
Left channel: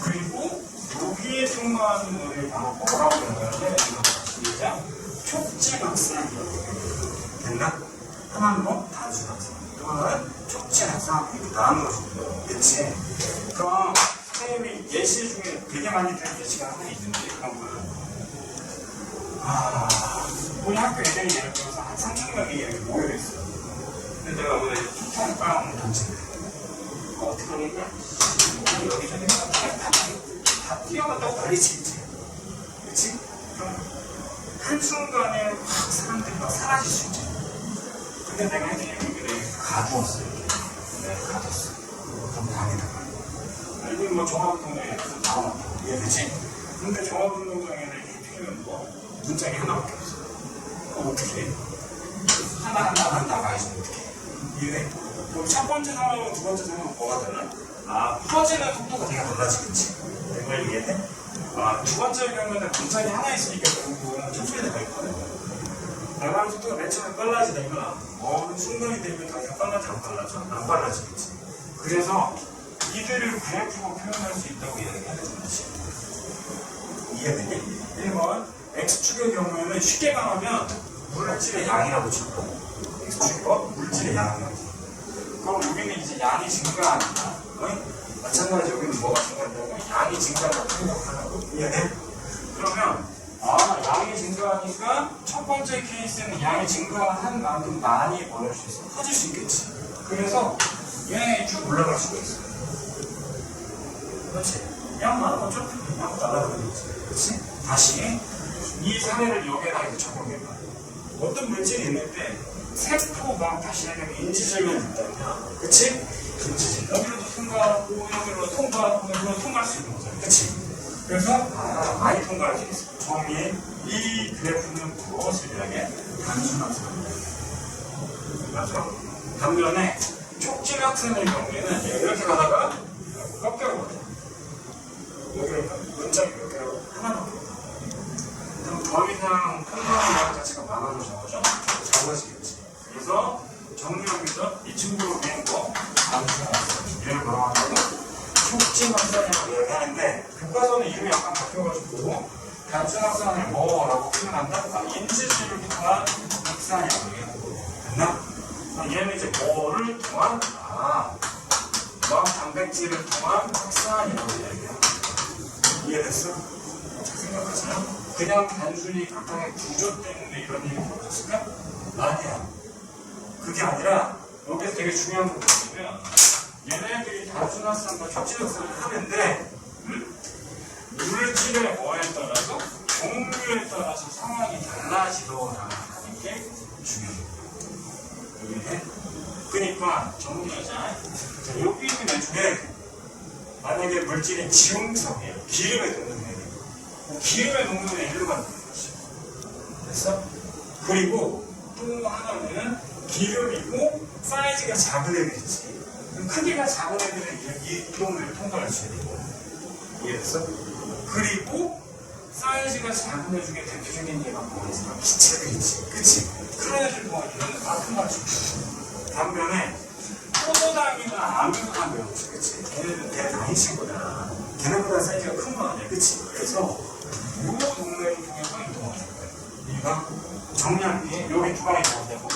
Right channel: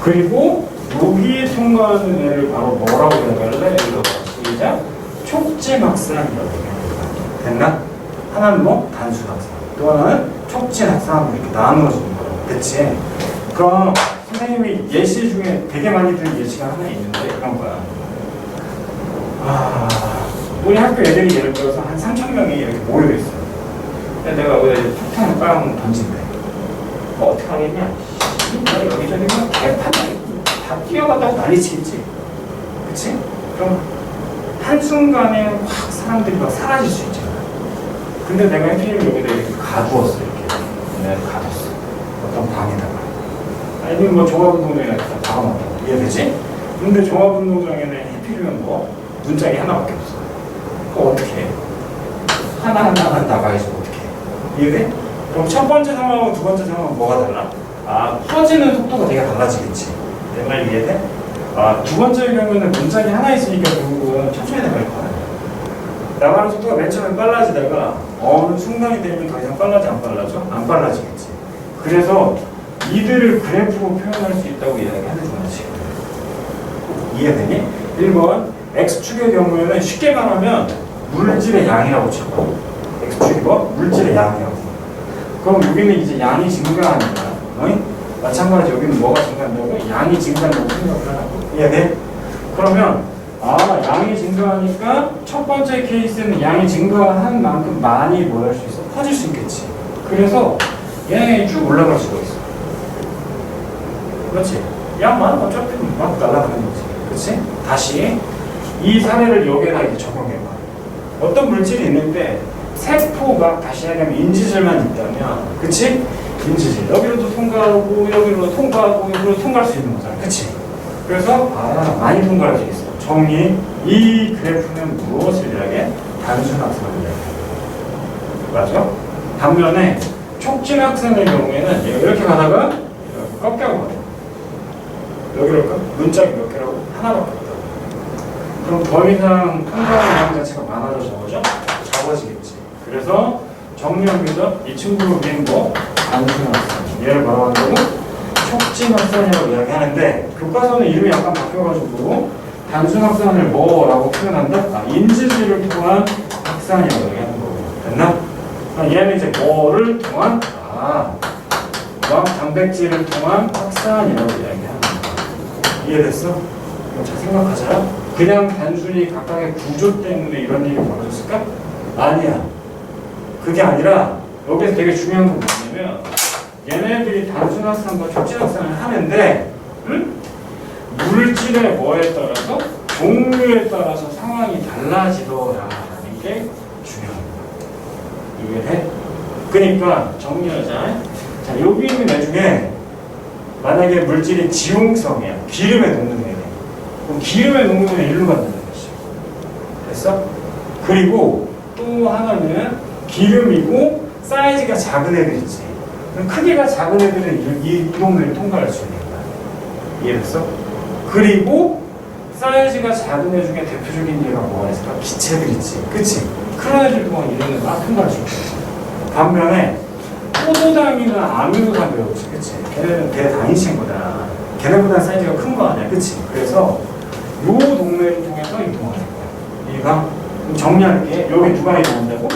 그리고 여기에 통과하는 애를 바로 뭐라고 해야 돼? 이거 시작. 촉진 확산이라고 해야 돼. 됐나? 하나는 뭐? 단순 확산. 또 하나는 촉진 확산하고 이렇게 나누어지는 거야. 그치? 그럼 선생님이 예시 중에 되게 많이 들은 예시가 하나 있는데 그런 거야. 우리 학교 애들이 예를 들어서 한 3,000명이 이렇게 모여있어. 내가 여기다 이제 폭탄을 빵 던진대. 뭐 어떻게 하겠냐? 여기저기 뭐 개판 다 뛰어간다고 난리치겠지. 그치? 그럼 한순간에 확 사람들이 막 사라질 수 있잖아. 근데 내가 해피를 여기다 이렇게 가두었어. 이렇게. 내가 가뒀어. 어떤 방에다가. 아니면 뭐 종합운동장에다 박아놨다고. 이해되지? 근데 종합운동장에는 해피면 뭐 문짝이 하나밖에 없어. 그거 어떻게 해? 하나하나 나가야지 어떻게 해? 이해돼? 그럼 첫 번째 상황하고 두 번째 상황은 뭐가 달라? 퍼지는 속도가 되게 달라지겠지. 내 말 이해돼? 두 번째 경우에는 문짝이 하나 있으니까 결국은 천천히 나갈 거야. 나가는 속도가 맨 처음에 빨라지다가 어느 순간이 되면 더 이상 빨라져 안 빨라져? 안 빨라지겠지. 그래서 이들을 그래프로 표현할 수 있다고 이야기하는 거지. 이해되니? 1번 X축의 경우에는 쉽게 말하면 물질의 양이라고 치고 X축이 뭐? 물질의 양이라고. 그럼 여기는 이제 양이 증가하니까 마찬가지 여기는 뭐가 증가한다고? 양이 증가한다고 생각을 하라고. 이해돼? 그러면 양이 증가하니까 첫 번째 케이스는 양이 증가한 만큼 많이 뭘 할 수 있어? 퍼질 수 있겠지. 그래서 얘네가 쭉 올라갈 수가 있어. 그렇지? 양만 어차피 막 날아가는 거지. 그렇지? 다시 이 사례를 여기에다 이렇게 적용해봐. 어떤 물질이 있는데 세포가 다시 하려면 인지질만 있다면, 그치? 인지질 여기로도 통과하고 여기로도 통과하고 여기로도 통과할 수 있는 거잖아. 그치? 그래서 많이 통과할 수 있어. 정리. 이 그래프는 무엇을 이야기해? 단순 확산을 이야기해. 맞아? 반면에 촉진 확산의 경우에는 얘가 이렇게 가다가 꺾여가. 여기로 문짝이 몇 개라고? 하나밖에 없다. 그럼 더 이상 통과하는 양 자체가 많아져 적어지겠지. 그래서 정리합니다. 이 친구를 우리는 뭐? 단순 확산. 얘를 뭐라고 한다고? 촉진 확산이라고 이야기하는데 교과서는 이름이 약간 바뀌어가지고 단순 확산을 뭐라고 표현한다? 인지질을 통한 확산이라고 얘기하는 거고. 됐나? 얘는 이제 뭐를 통한? 단백질을 통한 확산이라고 이야기하는 거야. 이해됐어? 잘 생각하자. 그냥 단순히 각각의 구조 때문에 이런 일이 벌어졌을까? 아니야. 그게 아니라 여기서 되게 중요한 건 뭐냐면 얘네들이 단순 확산과 촉진 확산을 하는데 물질의 뭐에 따라서 종류에 따라서 상황이 달라지더라라는 게 중요합니다. 이해해? 그러니까 정리하자. 자, 여기 있는 애 중에 만약에 물질이 지용성이야. 기름에 녹는 애네. 그럼 기름에 녹는 애 일로 간다는 것이죠. 됐어? 그리고 또 하나는 기름이고 사이즈가 작은 애들 있지. 그럼 크기가 작은 애들은 이 동네를 통과할 수 있는 거야. 이해됐어? 그리고 사이즈가 작은 애 중에 대표적인 예가 뭐가 있을까? 기체들 있지. 그치? 큰 애들 동안 이런 애 막 통과할 수 있어. 반면에 포도당이나 아미노당 배웠지. 그치? 걔네는 대단위치인 거다. 걔네보다 사이즈가 큰 거 아니야. 그치? 그래서 요 동네를 통해서 이동하는 거야. 이해가? 정리할게. 여기 누가 이동한다고?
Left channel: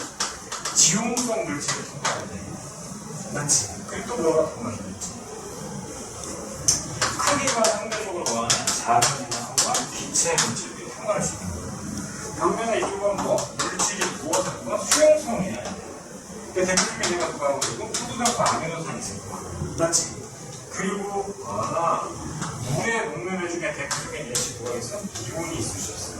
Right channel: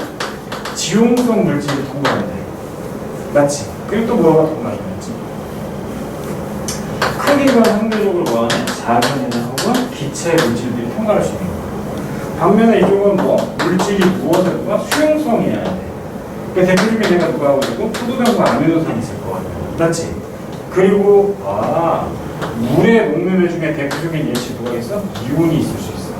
지용성 물질을 통과해야 돼. 맞지? 그리고 또 뭐가 통과해야지? 크기가 상대적으로 뭐하냐? 작은 애나 혹은 기체 물질들이 통과할 수 있는 거야. 반면에 이쪽은 뭐? 물질이 무엇을 누가? 수용성이어야 돼. 그러니까 대표적인 애가 누가 하고 있고 포도당과 아미노산이 있을 거 같아. 맞지? 그리고 물에 녹는 애 중에 대표적인 예시 누가 있어? 이온이 있을 수 있어.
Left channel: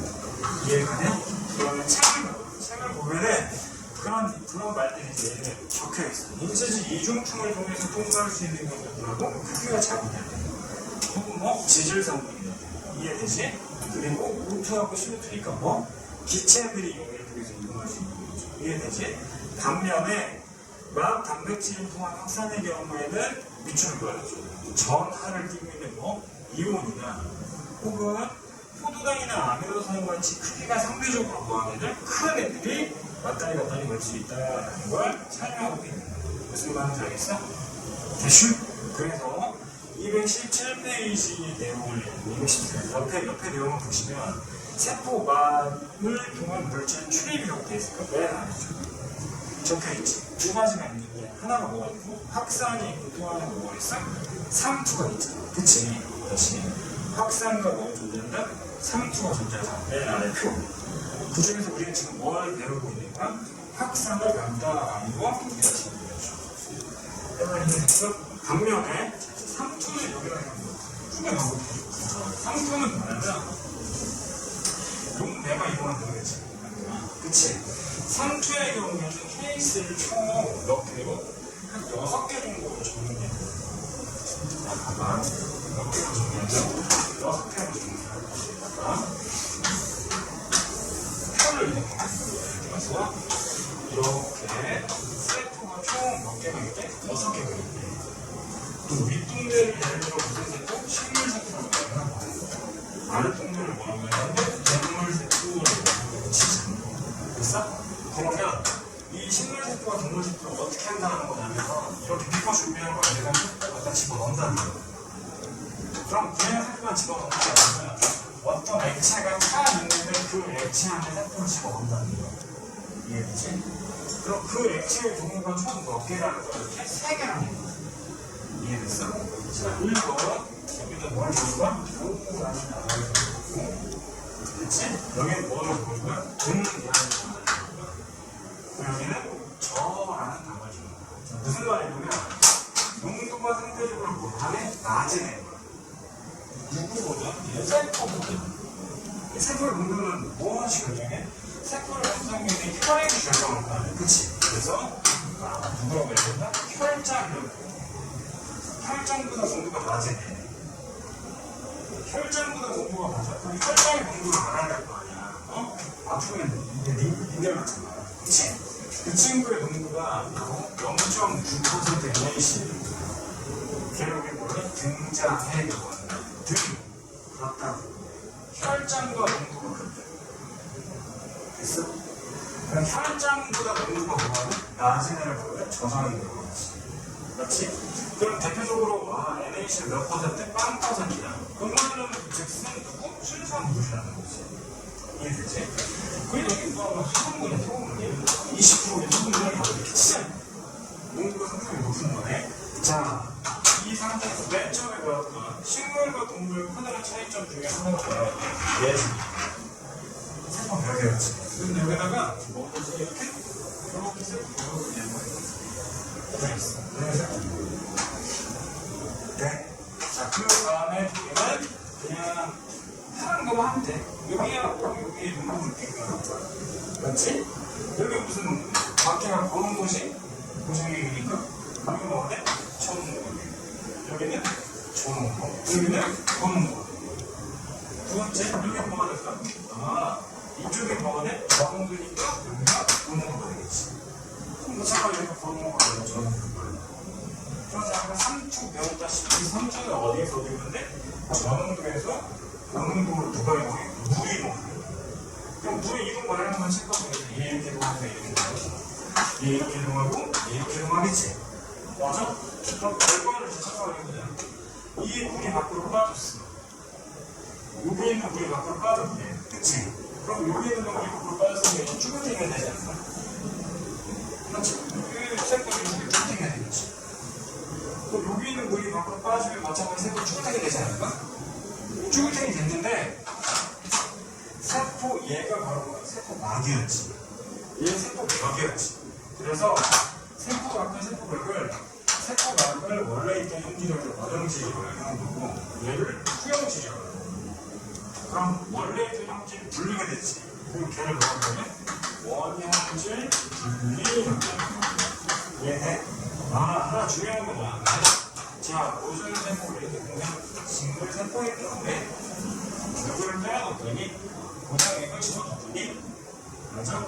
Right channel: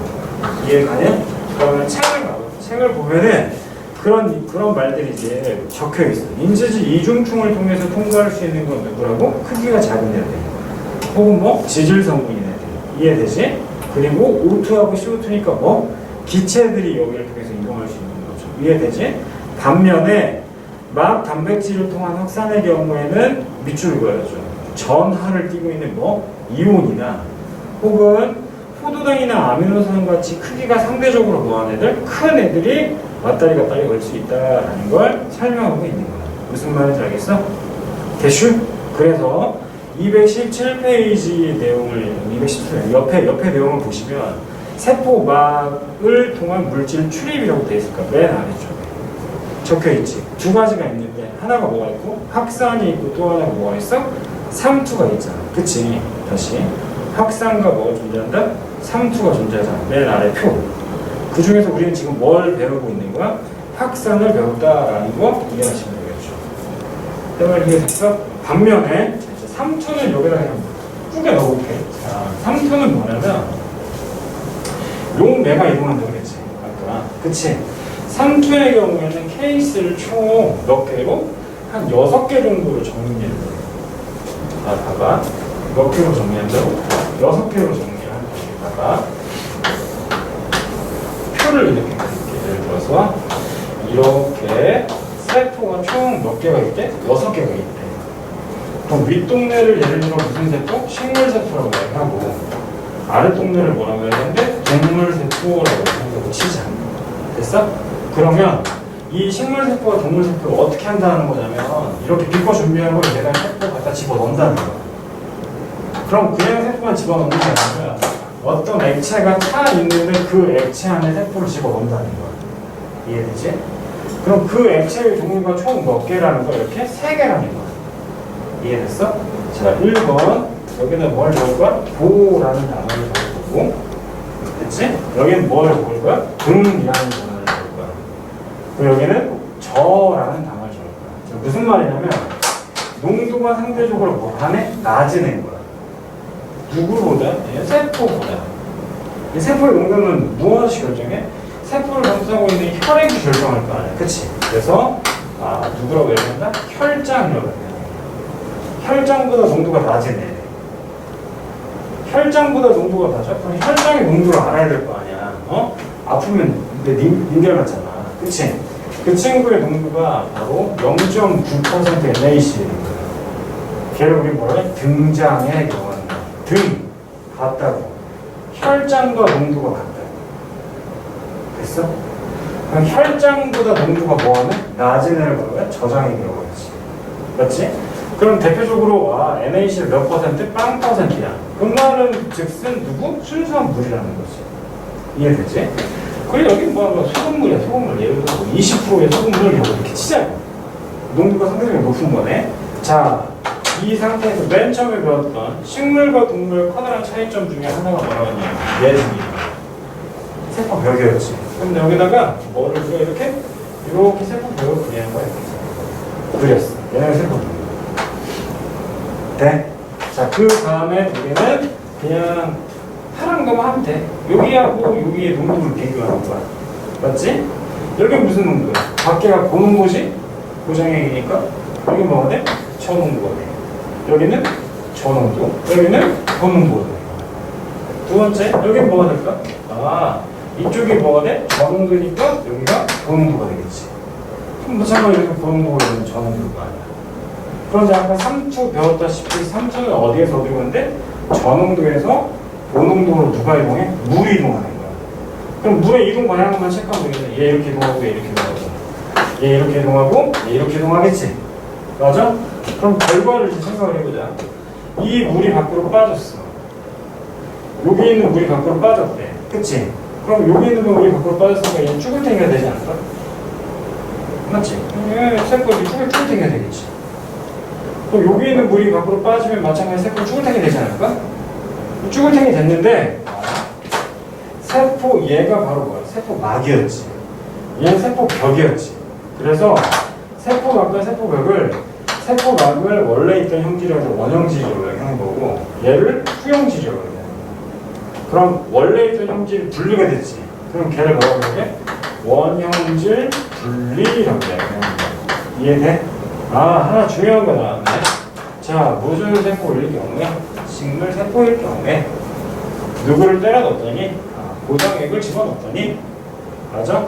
이해가냐? 그러면 책을 보면은 그런 말들이 이제 적혀 있어. 인지질 이중충을 통해서 통과할 수 있는 건 누구라고? 크기가 작은 애들. 혹은 뭐 지질 성분이네. 이해되지? 그리고 O2하고 CO2니까 뭐? 기체들이 여기를 통해서 이동할 수 있는 거죠. 이해되지? 반면에 막 단백질을 통한 확산의 경우에는 밑줄을 그어야죠. 전하를 띠고 있는 뭐? 이온이나 혹은 포도당이나 아미노산 같이 크기가 상대적으로 뭐한 애들? 큰 애들이 왔다리 갔다리 걸 수 있다라는 걸 설명하고 있는 거야. 무슨 말인지 알겠어? 대슈? 그래서 217페이지 내용을 217 옆에 내용을 보시면 세포막을 통한 물질 출입이라고 되어 있을까? 맨 아래쪽에 적혀 있지. 두 가지가 있는데 하나가 뭐가 있고 확산이 있고 또 하나가 뭐가 있어? 삼투가 있잖아. 그치? 다시 확산과 뭐가 존재한다? 삼투가 존재하잖아. 맨 아래 표. 그 중에서 우리는 지금 뭘 배우고 있는 거야? 확산을 배웠다라는 거 이해하시면 되겠죠. 그러면 이해됐어? 반면에 삼투는 여기다 그냥 꾸겨 넣어볼게. 자, 삼투는 뭐냐면 용매가 이동한다고 그랬지. 아까. 그치? 삼투의 경우에는 케이스를 총 몇 개로? 한 6개 정도로 정리해. 아, 봐봐. 몇 개로 정리한다고? 6개로 정리한 거에다가 표를 이렇게 그릴게. 예를 들어서 이렇게 세포가 총 몇 개가 있대? 6개가 있대. 그럼 윗동네를 예를 들어 무슨 세포? 식물세포라고 얘기하고 아랫동네를 뭐라고 해야 되는데? 동물세포라고 생각을 치자. 됐어? 그러면 이 식물세포와 동물세포를 어떻게 한다는 거냐면 이렇게 비커 준비한 걸 내가 세포 갖다 집어넣는다는 거야. 그럼 그냥 세포만 집어넣는 게 아니라 어떤 액체가 타 있는데 그 액체 안에 세포를 집어넣는다는 거야. 이해되지? 그럼 그 액체의 종류가 총 몇 개라는 거 이렇게 3개라는 거야. 이해됐어? 자, 1번 여기는 뭘 적을 거야? 보라는 단어를 적을 거고 됐지? 여기는 뭘 적을 거야? 등이라는 단어를 적을 거야. 그리고 여기는 저라는 단어를 적을 거야. 무슨 말이냐면 농도가 상대적으로 뭐 하네? 낮은 거야. 누구보다? 세포보다. 이 세포의 농도는 무엇이 결정해? 세포를 감싸고 있는 혈액이 결정할 거 아니야. 그치? 그래서 누구라고 얘기한다? 혈장이라고 얘기해. 혈장보다 농도가 낮은 애. 혈장보다 농도가 낮아? 그럼 혈장의 농도를 알아야 될 거 아니야. 어? 아프면 닌겔 같잖아. 그치? 그 친구의 농도가 바로 0.9% NaCl. 걔를 우리 뭐라 해? 등장에 경한다. 등 같다고. 혈장과 농도가 같다. 됐어? 그럼 혈장보다 농도가 뭐하면 낮은 애를 뭐라고 해? 저장에 들어가지. 맞지? 그럼 대표적으로 NaCl 몇 퍼센트? 빵 퍼센트야. 그 말은 즉슨 누구? 순수한 물이라는 거지. 이해되지? 그리고 여기 뭐 소금물이야. 소금물. 예를 들어서 20%의 소금물을 여기 이렇게 치자. 농도가 상당히 높은 거네. 자, 이 상태에서 맨 처음에 배웠던 식물과 동물 커다란 차이점 중에 하나가 뭐라고 하냐면 내진이 세포 벽이었지. 근데 여기다가 뭐를 이렇게 세포 벽을 그리는 거야. 그렸어. 얘는 세포 벽. 돼? 자, 그 다음에 우리는 그냥 파란 거만 하면 돼. 여기하고 여기의 농도를 비교하는 거야. 맞지? 여기는 무슨 농도야? 밖에가 고농도지? 고정액이니까 여기 뭐가 돼? 저농도가 돼. 여기는 저농도, 여기는 고농도가 돼. 두 번째, 여기는 뭐가 될까? 이쪽이 뭐가 돼? 저농도니까 여기가 고농도가 되겠지. 그럼 무참하게 이렇게 고농도가 되면 저농도가 아니야. 그런데 아까 3투 배웠다시피 3투는 어디에서 어디로 가는데? 저농도에서 고농도로 누가 이동해? 물이 이동하는 거야. 그럼 물의 이동 방향만 체크하면 되겠네. 얘 이렇게 이동하고 얘 이렇게 이동하고 얘 이렇게 이동하고 얘 이렇게 이동하겠지? 맞아? 그럼 결과를 이제 생각을 해보자. 이 물이 밖으로 빠졌어. 여기 있는 물이 밖으로 빠졌대. 그치? 그럼 여기 있는 물이 밖으로 빠졌으니까 얘 쭈글탱이가 되지 않을까? 맞지? 세포이 쭈글탱이가 되겠지. 그럼 여기 있는 물이 밖으로 빠지면 마찬가지 세포 쭈글탱이 되지 않을까? 쭈글탱이 됐는데 세포 얘가 바로 뭐야? 세포 막이었지. 얘는 세포 벽이었지. 그래서 세포막과 세포벽을 세포막을 원래 있던 형질에서 원형질이라고 하는 거고 얘를 후형질이라고 하는 거야. 그럼 원래 있던 형질이 분리가 됐지. 그럼 걔를 뭐라고 해? 원형질 분리라고 해. 이해돼? 하나 중요한 거 나왔네. 자, 무슨 세포일 경우에? 식물 세포일 경우에 누구를 때려 넣었더니 고정액을 집어넣었더니 맞아?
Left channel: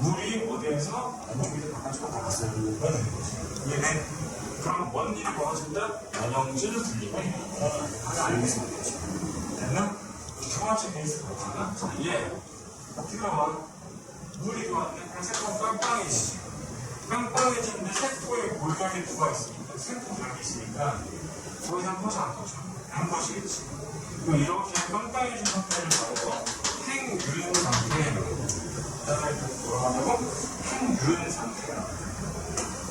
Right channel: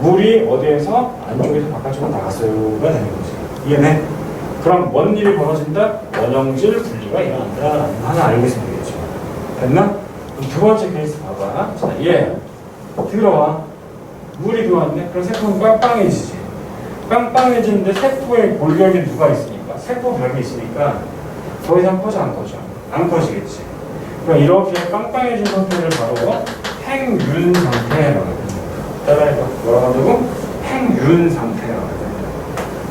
물이 어디에서 안쪽에서 바깥쪽으로 나갔어요가 되는 거지. 이해네? 그럼 뭔 일이 벌어진다? 원형질 분리가 일어난다. 하나 알고 있으면 되겠죠. 됐나? 그럼 두 번째 케이스 봐봐. 자, 얘 들어와. 물이 들어왔네? 그럼 세포는 빵빵해지지. 빵빵해지는데 세포에 골격이 누가 있으니까? 세포벽이 있으니까 더 이상 퍼져 안 퍼져? 안 퍼지겠지. 그럼 이렇게 빵빵해진 상태를 바로 행윤 상태라고 합니다. 따라해봐. 뭐라고 한다고? 행윤 상태라고 합니다.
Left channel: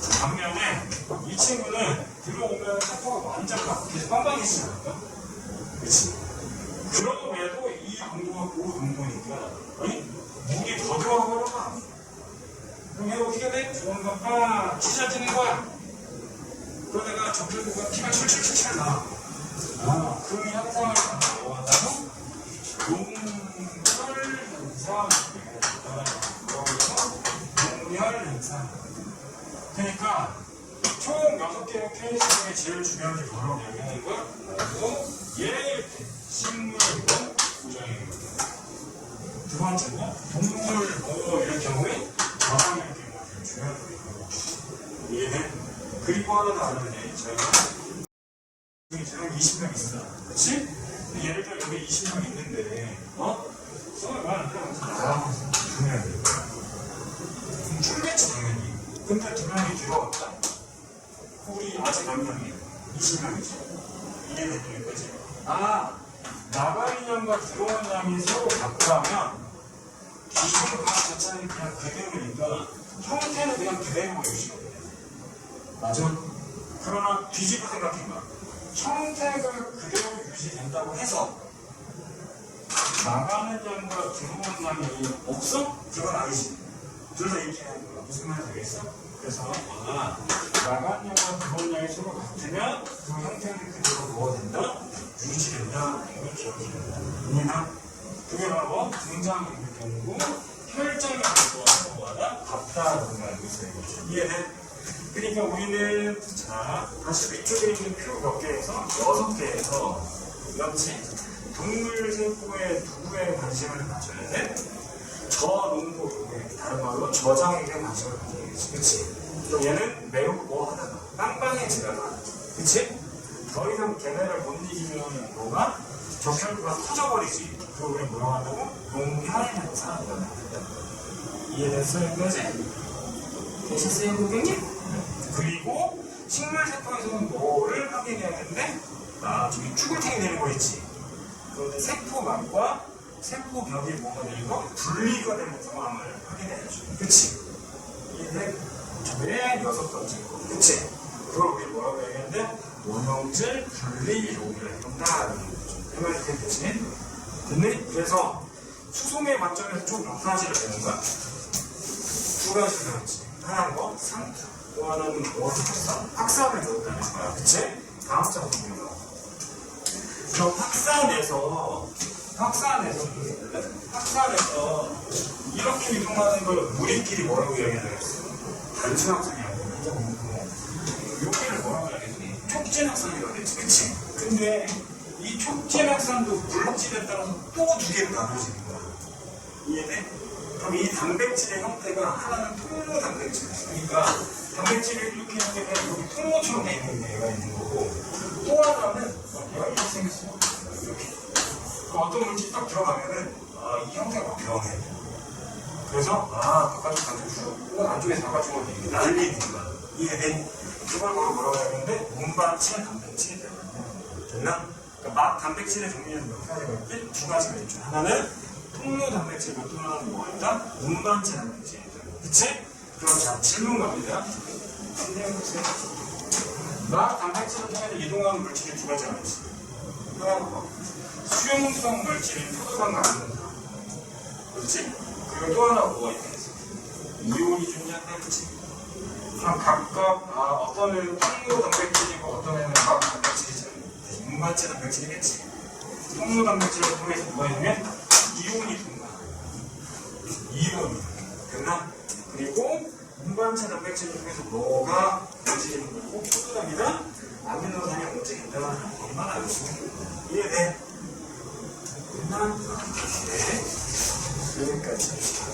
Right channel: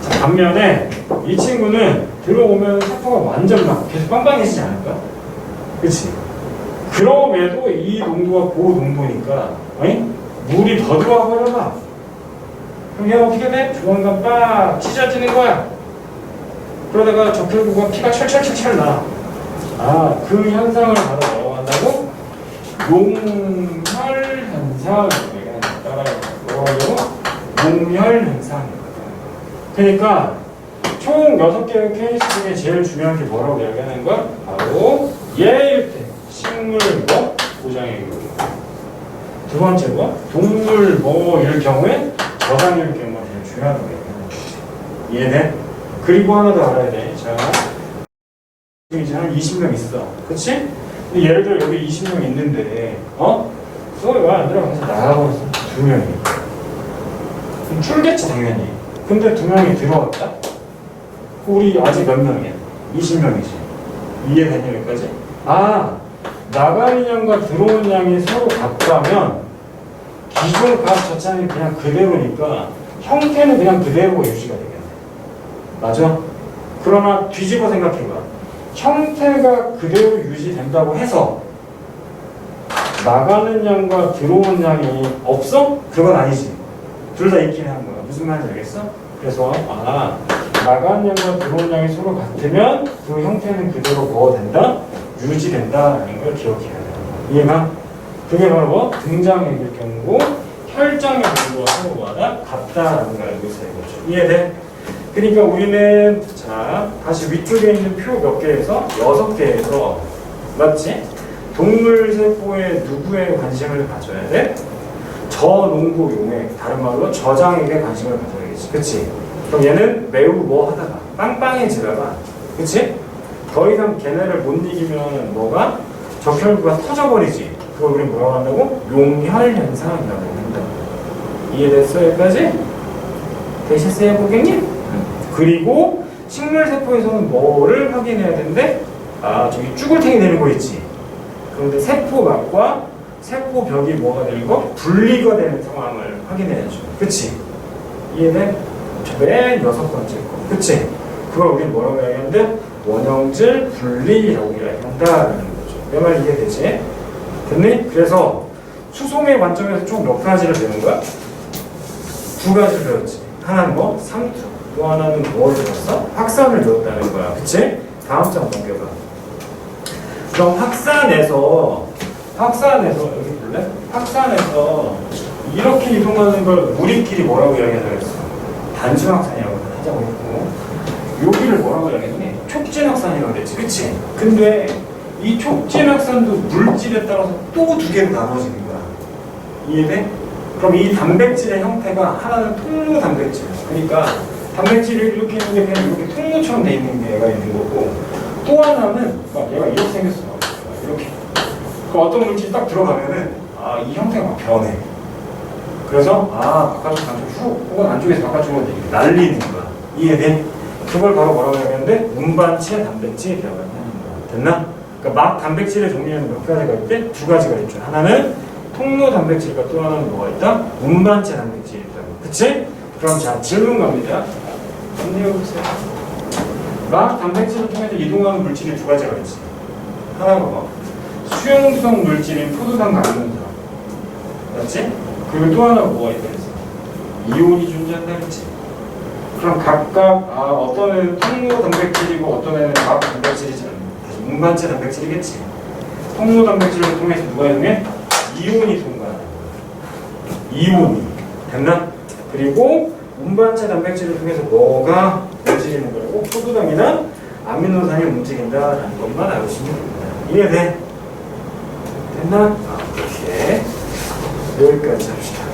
자, 반면에 이 친구는 들어오면 세포가 완전 막 계속 빵빵해지지 않을까? 그치? 그럼에도 이 농도가 고농도니까 물이 더 들어와 버려봐. 그럼 얘 어떻게 돼? 조만간 빡 찢어지는 거야. 그러다가 적혈구가 피가 철철철철 나. 그 현상을 바로 뭐라고 한다고? 용혈 현상. 용혈 현상이거든. 그러니까 총 6개의 케이스 중에 제일 중요한 게 뭐라고 이야기하는 거야? 바로 얘일 때 식물뭐 고장일 경우. 두 번째가 동물 뭐일 경우에 저장일 경우가 제일 중요한 거예요. 이해돼? 그리고 하나 더 알아야 돼. 자, 이제 한 20명 있어. 그치? 근데 예를 들어 여기 20명 있는데 수업에 왜 안 들어가서 나가버렸어. 2명이. 그럼 출겠지 당연히. 근데 2명이 들어왔다? 우리 아직 몇 명이야? 20명이지. 이해되냐 여기까지? 나가는 양과 들어오는 양이 서로 같다면 기존 값 자체는 그냥 그대로니까 형태는 그냥 그대로가 유지가 되겠네. 맞아? 그러나 뒤집어 생각해봐. 형태가 그대로 유지된다고 해서 나가는 양과 들어오는 양이 없어? 그건 아니지. 둘 다 있긴 한 거야. 무슨 말인지 알겠어? 그래서 나가는 양과 들어오는 양이 서로 같으면 그 형태는 그대로 뭐가 된다? 유지된다라는 걸 기억해야 돼. 이해가? 그게 바로 뭐? 등장액일 경우고 혈장의 경우가 서로 뭐하다? 같다라는 걸 알고 있어야 되죠. 이해돼? 그러니까 우리는 자 다시 위쪽에 있는 표 몇 개에서 6개에서 맞지? 동물 세포에 누구에 관심을 가져야 돼? 저농도 용액, 다른 말로 저장액에 관심을 가져야겠지. 그치? 그럼 얘는 매우 뭐 하다가 빵빵해지다가 그치? 더 이상 걔네를 못 이기면 뭐가? 적혈구가 터져버리지. 그걸 우리 뭐라고 한다고? 용혈 현상이라고 합니다. 이해됐어 여기까지? 되셨어요 고객님? 그리고 식물세포에서는 뭐를 확인해야 되는데 저기 쭈글탱이 되는 거 있지. 그런데 세포막과 세포벽이 뭐가 되는 거? 분리가 되는 상황을 확인해야죠. 그치? 이해돼? 맨 6번째 거. 그치? 그걸 우리 뭐라고 이야기하는데? 원형질 분리라고 이야기한다라는 거죠. 내 말 이해되지? 됐니? 그래서 수송의 관점에서 총 몇 가지를 배운 거야? 2가지를 배웠지. 하나는 뭐? 상투. 또 하나는 뭘 배웠어? 확산을 배웠다는 거야. 그치? 다음 장 넘겨봐. 그럼 확산에서 여기 볼래? 확산에서 이렇게 이동하는 걸 우리끼리 뭐라고 이야기하겠어? 단순 확산이라고 하자고 했고 여기를 뭐라고 이야기했니? 촉진 확산이라고 했지. 그치? 근데 이 촉진 확산도 물질에 따라서 또 2개로 나눠지는 거야. 이해돼? 그럼 이 단백질의 형태가 하나는 통로 단백질. 그러니까 단백질이 이렇게 있는 게 그냥 이렇게 통로처럼 돼 있는 게 얘가 있는 거고 또 하나는 막 얘가 이렇게 생겼어. 이렇게. 그 어떤 물질이 딱 들어가면은 이 형태가 막 변해. 그래서 바깥쪽 안쪽 훅 혹은 안쪽에서 바깥쪽으로 이렇게 날리는 거야. 이해돼? 그걸 바로 뭐라고 하는데 운반체 단백질이 들어간다. 됐나? 그러니까 막 단백질의 종류는 몇 가지가 있대? 2가지가 있죠. 하나는 통로 단백질과 또 하나는 뭐가 있다? 운반체 단백질이 있다. 그치? 그럼 자 질문 갑니다. 안내해보세요. 막 단백질을 통해서 이동하는 물질이 2가지가 있지. 하나가 뭐? 수용성 물질인 포도당 감면산. 그렇지? 그리고 또 하나가 뭐가 있다 했어? 이온이 존재한다 그랬지? 그럼 각각 어떤 애는 통로 단백질이고 어떤 애는 막 단백질이지 않나? 운반체 단백질이겠지? 통로 단백질을 통해서 누가 이동해? 이온이 통과하는 거야. 이온이. 됐나? 그리고 운반체 단백질을 통해서 뭐가 움직이는 거고 포도당이나 아미노산이 움직인다라는 것만 알고 있으면 됩니다. 이해돼? 됐나? 오케이. 여기까지 합시다.